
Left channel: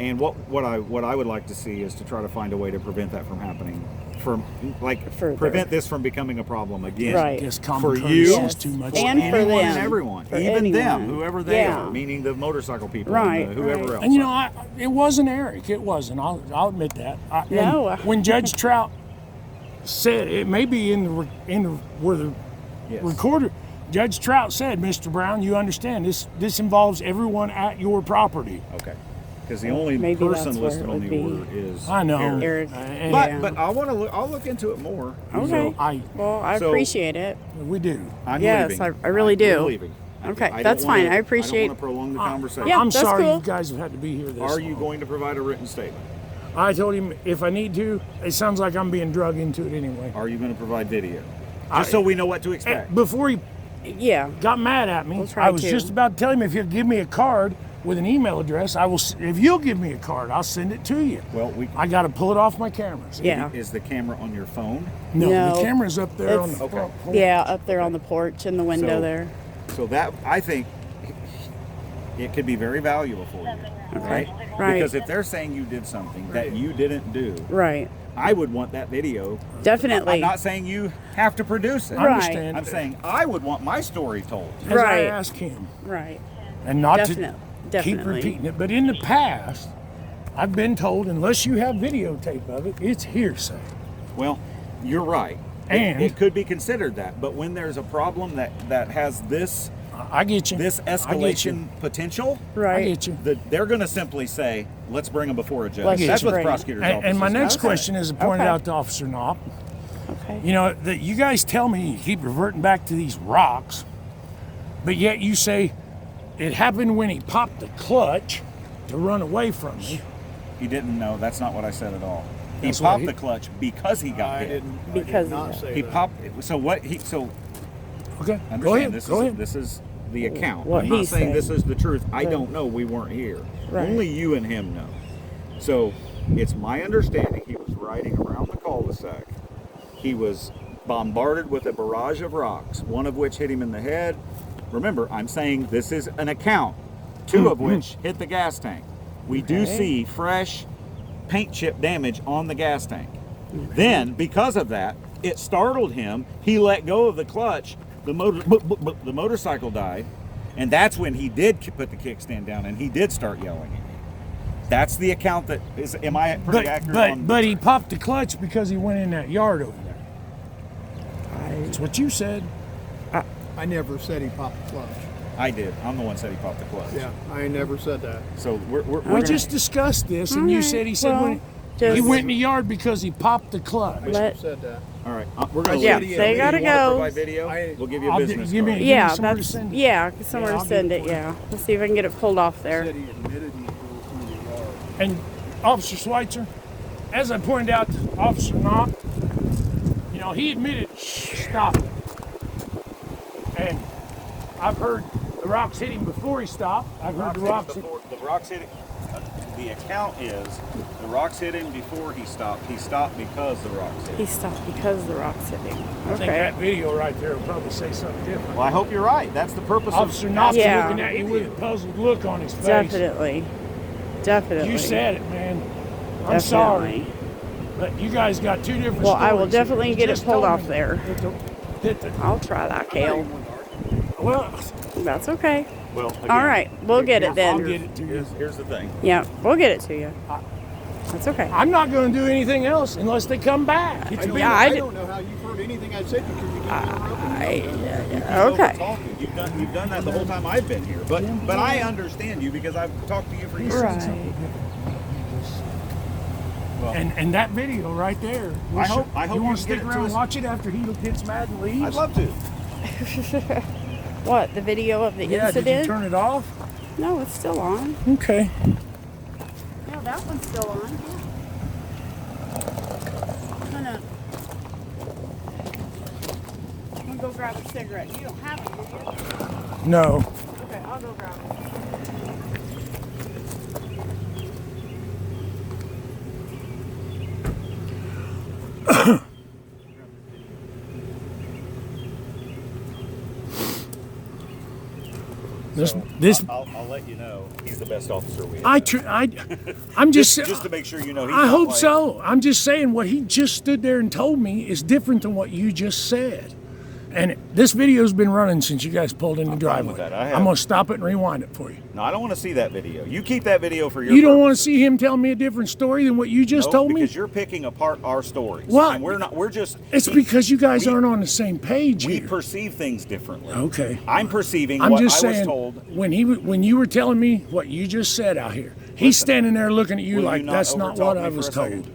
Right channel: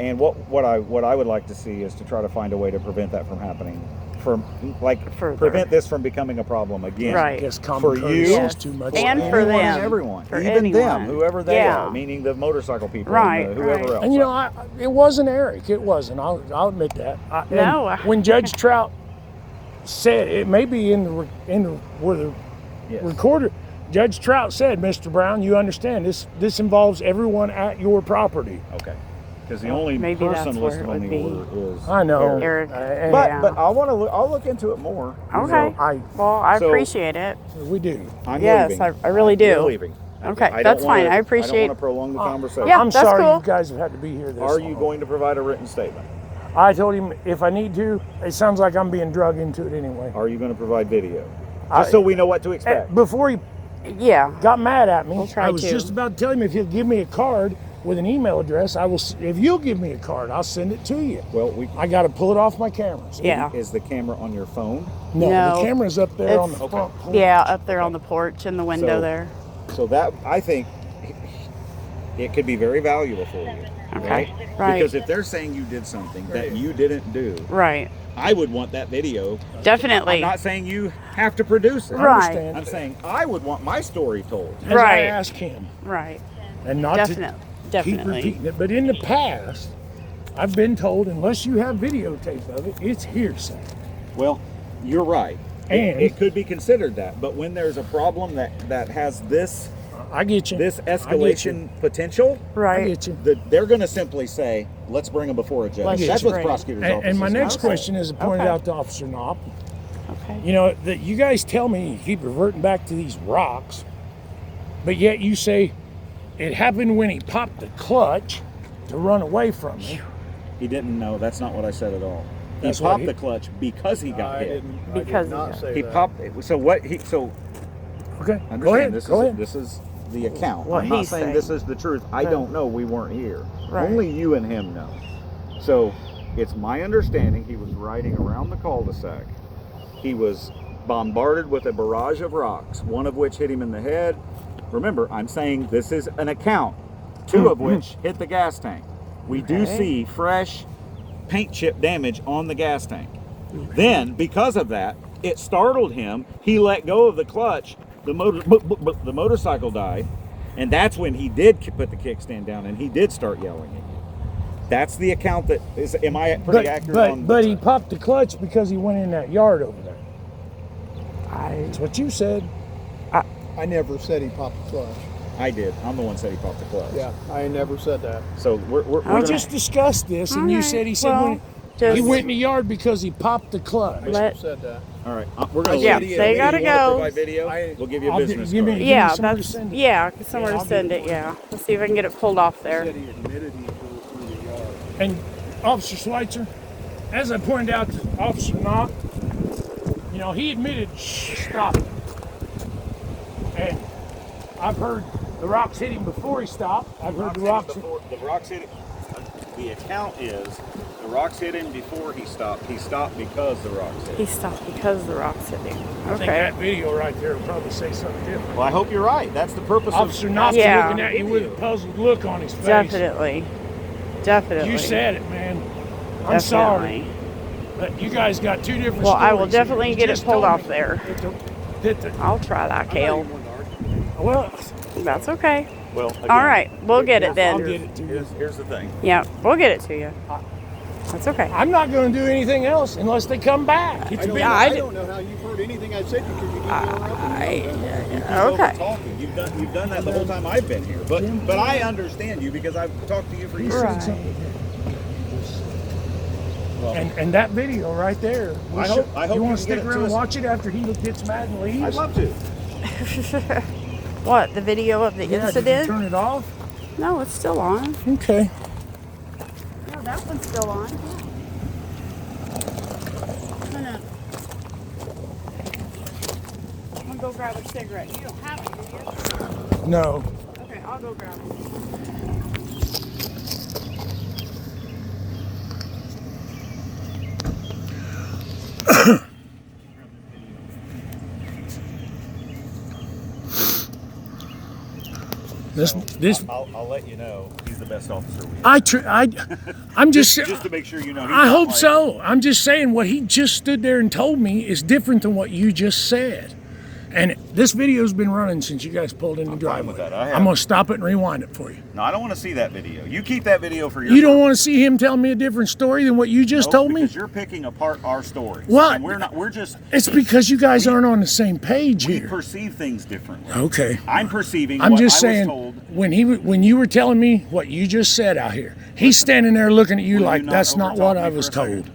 And what I would like to see is to try to find a way to prevent that from happening, Further. prevent this from becoming a problem again. I Right. guess common For courtesy you, is Yes. too much. And for Anyone them. and everyone, For even them, anyone. whoever they Yeah. are, meaning the motorcycle people, Right, and whoever right. else. And you know, it wasn't Eric. It wasn't. I'll admit that. No. When Judge Trout said it may be in the where the Yes. recorder, Judge Trout said, Mr. Brown, you understand this involves everyone at your property. Okay. Because the only Maybe person that's where listed it on would the be. order is I know. Eric. And Yeah. But I want to look. I'll look into it more. Okay. I- Well, I So- appreciate it. we do. I'm Yes, leaving. I really do. You're leaving. Okay, I don't that's fine. wanna- I appreciate- I don't want to prolong the conversation. Yeah, I'm that's sorry cool. you guys have had to be here this Are you long. going to provide a written statement? I told him if I need to. It sounds like I'm being drug into it anyway. Are you going to provide video? Just so we know what to expect. Before he Yeah. got mad at me, We'll try I was to. just about to tell him if he'll give me a card with an email address, I will. If you'll give me a card, I'll send it to you. Well, I got to pull it off my camera. Yeah. Is the camera on your phone? No, No. the camera's up there on the It's- front. Yeah, up there on the porch in the window So- there. So that, I think, it could be very valuable for you. Okay. Right? Right. Because if they're saying you did something that you didn't do, Right. I would want that video. Definitely. I'm not saying you have to produce it. Right. understand. I'm saying I would want my story told. As Right. I asked him, Right. and not Definitely. to Definitely. keep repeating it. But in the past, I've been told unless you have videotape of it, it's hearsay. Well, you're right. And- it could be considered that, but when there's a problem that has this I get you. this I get escalation potential, I Right. get you. they're going to simply say, "Let's bring them before a judge." Let's That's what the bring 'em. prosecutor's office And my is. next Okay. question is pointed Okay. out to Officer Knopp. Okay. You know, that you guys tell me you keep reverting back to these rocks, but yet you say it happened when he popped the clutch to run away from me. He didn't know. That's not what I said at all. He That's what popped he- the clutch because he got I hit. didn't. Because I did of not that. say He that. popped it. So what he so Okay, understand go ahead. this Go is ahead. this is the account. What I'm not he's saying saying. this is the truth. I Right. don't know. We weren't here. Right. Only you and him know. So it's my understanding he was riding around the cul-de-sac. He was bombarded with a barrage of rocks, one of which hit him in the head. Remember, I'm saying this is an account, two of which hit the gas tank. We do Okay. see fresh paint chip damage on the gas tank. Then, because of that, it startled him. He let go of the clutch. The motorcycle died, and that's when he did put the kickstand down and he did start yelling at me. That's the account that is. Am I pretty accurate? on But he popped the clutch because he went in that yard over there. That's what you said. I never said he popped the clutch. I did. I'm the one that said he popped the clutch. Yeah, I never said that. So we're We gonna- just discussed this, and you said he said Well, when he just- went in the yard because he popped the clutch. I Let- said that. all right. We're gonna. Yeah, leave. so you gotta If you wanna go. provide video, we'll give you a I'll business give me- card. give Yeah, somewhere to that's send it. yeah. Someone I'll to send it. Yeah, we'll see if I can get it pulled off there. Said he admitted he pulled through the yard. And Officer Schweitzer, as I pointed out to Officer Knopp, you know, he admitted stopping. And I've heard the rocks hit him before he stopped. I've heard the rocks hit The rocks hit him. The account is the rocks hit him before he stopped. He stopped because the rocks hit him. He stopped because the rocks hit him. I think Okay. that video right there will probably say something different. Well, I hope you're right. That's the purpose Officer of. Knopp's Yeah. looking at you with a puzzled look on his face. Definitely. Definitely. You said it, man. I'm Definitely. sorry. But you guys got two different Well, stories. I will definitely You get it just pulled told off me there. that the- I'll try that, Kale. well, That's okay. Well, again, All right, we'll get it I'll then. get it to you. Here's the thing. Yeah, we'll get it to you. That's okay. I'm not going to do anything else unless they come back. It's been, Yeah, I I don't know how you've heard anything I said because you didn't interrupt me. Okay. You've done that the whole time I've been here. But I understand you because I've talked to you for years. Right. and that video right there. I hope you you want can to stick get it to around and us. watch it after he gets mad and leaves? I'd love to. What, the video of the Yeah, did you incident? turn it off? No, it's still on. Okay. Yeah, that one's still on. I'm gonna go grab a cigarette. You don't have it, do you? No. Okay, I'll go grab it. This I'll let you know he's the best officer we have. I'm just Just to make sure you know. He's I not hope like- so. I'm just saying what he just stood there and told me is different than what you just said. And this video's been running since you guys pulled in the I'm driveway. fine with that. I have- I'm going to stop it and rewind it for you. No, I don't want to see that video. You keep that video for your. You don't want to see him tell me a different story than what you just told me? Because you're picking apart our stories. What? And we're not. We're just. It's because you guys aren't on the same page We here. perceive things differently. Okay. I'm perceiving I'm what just I was saying, told. when you were telling me what you just said out here, he's standing there looking at you Will like, you not that's not what overtalk I me was for a second? told.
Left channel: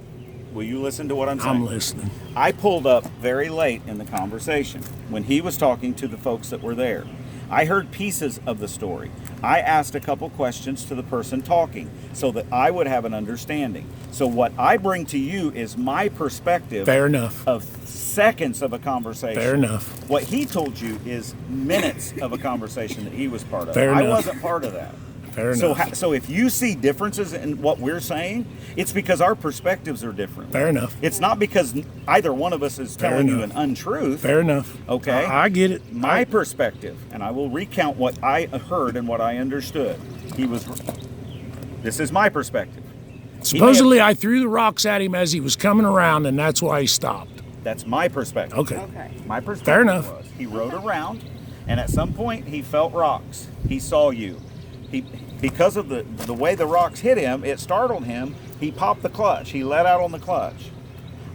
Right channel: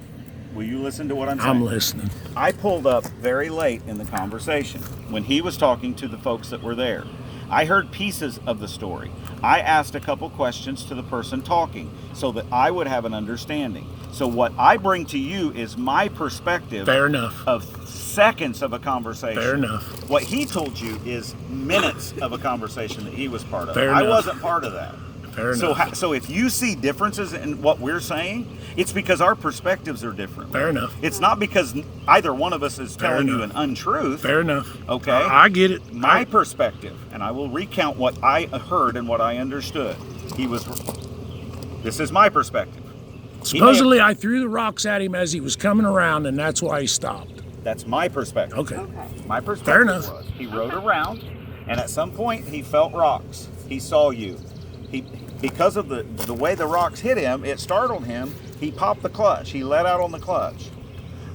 Will you listen to what I'm saying? I'm listening. I pulled up very late in the conversation when he was talking to the folks that were there. I heard pieces of the story. I asked a couple questions to the person talking so that I would have an understanding. So what I bring to you is my perspective. Fair enough. Of seconds of a conversation. Fair enough. What he told you is minutes of a conversation that he was part of. Fair I enough. wasn't part of that. Fair enough. So if you see differences in what we're saying, it's because our perspectives are different. Fair enough. It's not because either one of us is Fair telling you enough. an untruth. Fair enough. Okay. I get it. My perspective, and I will recount what I heard and what I understood. This is my perspective. Supposedly, I threw the rocks at him as he was coming around, and that's why he stopped. That's my perspective. Okay. My perspective Fair enough. was he rode around, and at some point he felt rocks. He saw you. Because of the way the rocks hit him, it startled him. He popped the clutch. He let out on the clutch.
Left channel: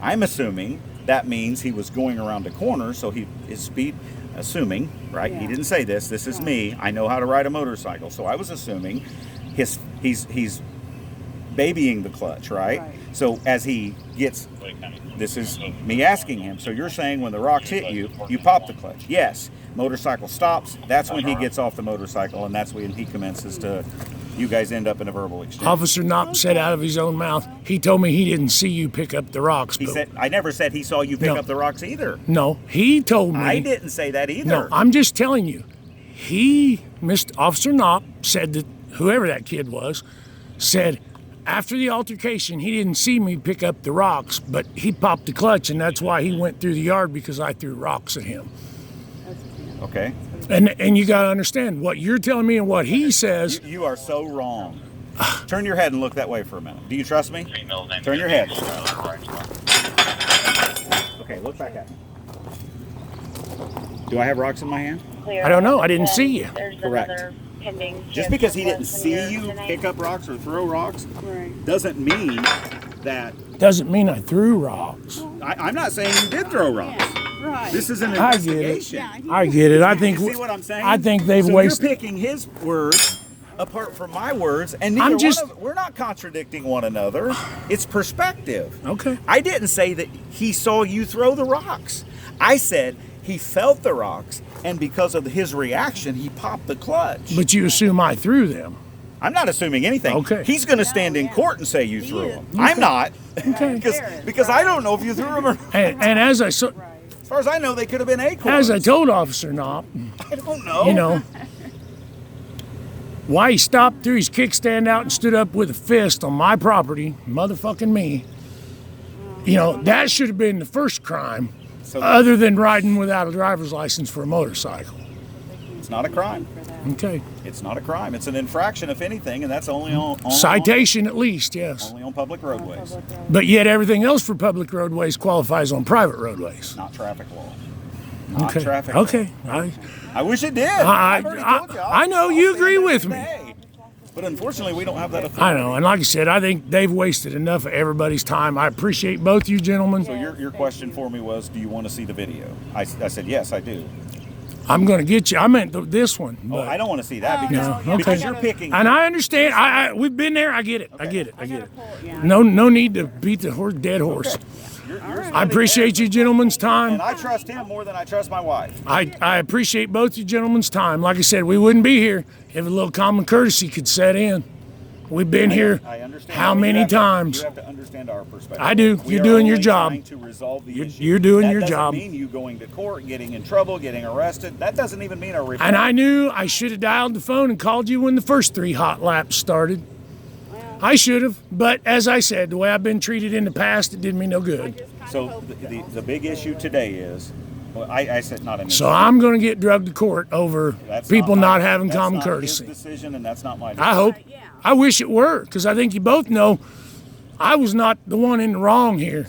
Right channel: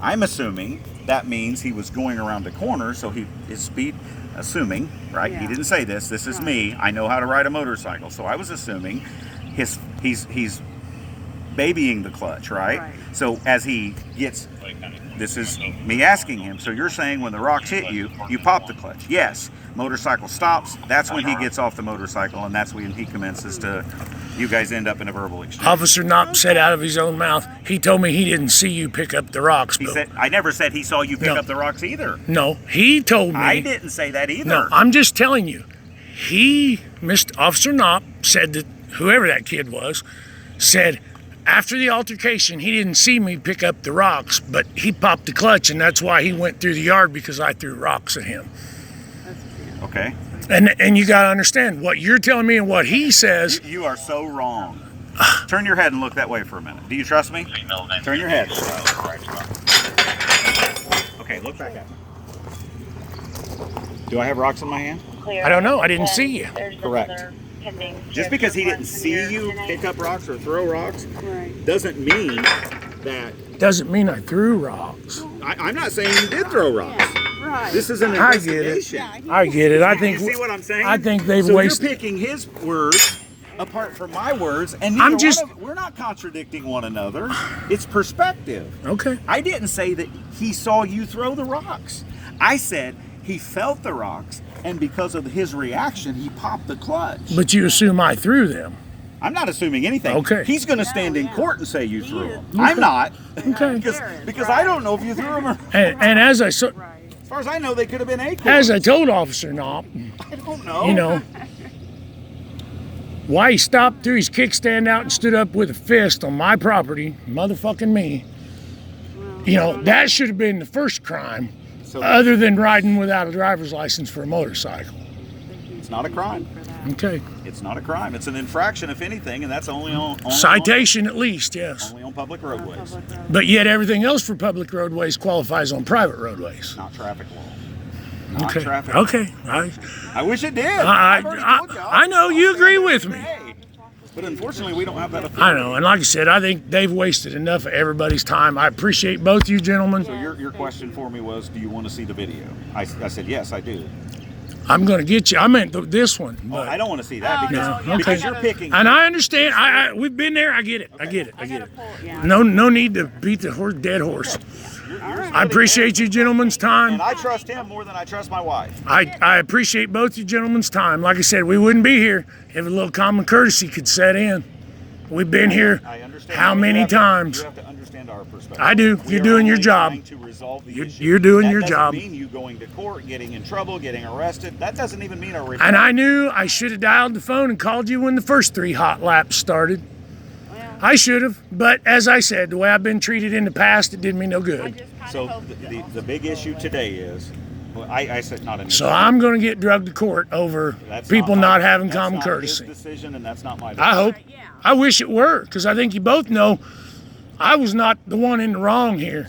I'm assuming that means he was going around a corner, so his speed, assuming, right? He didn't say this. This is me. I know how to ride a motorcycle, so I was assuming he's babying the clutch, right? So as he gets, this is me asking him. So you're saying when the rocks hit you, you pop the clutch? Yes. Motorcycle stops. That's when he gets off the motorcycle, and that's when he commences to. You guys end up in a verbal exchange. Officer Knopp said out of his own mouth, he told me he didn't see you pick up the rocks. He but said, I never said he saw you pick No. up the rocks either. No, he told me. I didn't say that either. No, I'm just telling you. Mr. Officer Knopp said that whoever that kid was, said after the altercation, he didn't see me pick up the rocks, but he popped the clutch, and that's why he went through the yard because I threw rocks at him. Okay. And you got to understand what you're telling me and what he says. You are so wrong. Turn your head and look that way for a minute. Do you trust me? Turn your head. Okay, look back at me. Do I have rocks in my hand? I don't know. I didn't see you. Correct. Just because he didn't see you pick up rocks or throw rocks doesn't mean that. Doesn't mean I threw rocks. I'm not saying you did throw rocks. Right. This is an I get it. investigation. I get it. I You think. see what I'm saying? I think they've so wasted. You're picking his words apart from my words, and I'm neither just- we're not contradicting one another. It's perspective. Okay. I didn't say that he saw you throw the rocks. I said he felt the rocks, and because of his reaction, he popped the clutch. But you assume I threw them. I'm not assuming anything. Okay. He's going to stand in court and say you threw them. I'm not. Okay. because I don't know if you threw them or. And as I so, As far as I know, they could have been acorns. as I told Officer Knopp, I don't know. you know, why he stopped, threw his kickstand out, and stood up with a fist on my property, motherfucking me. You know, that should have been the first crime, So other than riding without a driver's license for a motorcycle. it's not a crime. Okay. It's not a crime. It's an infraction, if anything, and that's only on Citation at least, yes. only on public roadways, But yet everything else for public roadways qualifies on private roadways. not traffic law. Not Okay. traffic law. Okay. I wish it did. I- I've already I- told you. I know, you agree with me. Okay. But unfortunately, we don't have that authority. I know, and like I said, I think they've wasted enough of everybody's time. I appreciate both you gentlemen. So your question for me was, do you want to see the video? I said, yes, I do. I'm going to get you. I meant this one. Well, But, I don't want to see that because, No, okay. because you're picking. and I understand. We've been there. I get it. I get it. I get it. No need to beat the dead horse. I appreciate you gentlemen's time. And I trust him more than I trust my wife. I appreciate both you gentlemen's time. Like I said, we wouldn't be here if a little common courtesy could set in. We've been here I understand. how You many have to- times? You have to understand our perspective. I do. We You're are doing your only job. trying to resolve the issue. You're doing That your doesn't job. mean you going to court, getting in trouble, getting arrested. That doesn't even mean a report. And I knew I should have dialed the phone and called you when the first 3 hot laps started. I should have, but as I said, the way I've been treated in the past, it did me no good. So the big issue today is, well, I said not an issue. So I'm going to get drugged to court over That's people my- not having that's common not courtesy. His decision, and that's not my decision. I hope. I wish it were, because I think you both know I was not the one in the wrong here.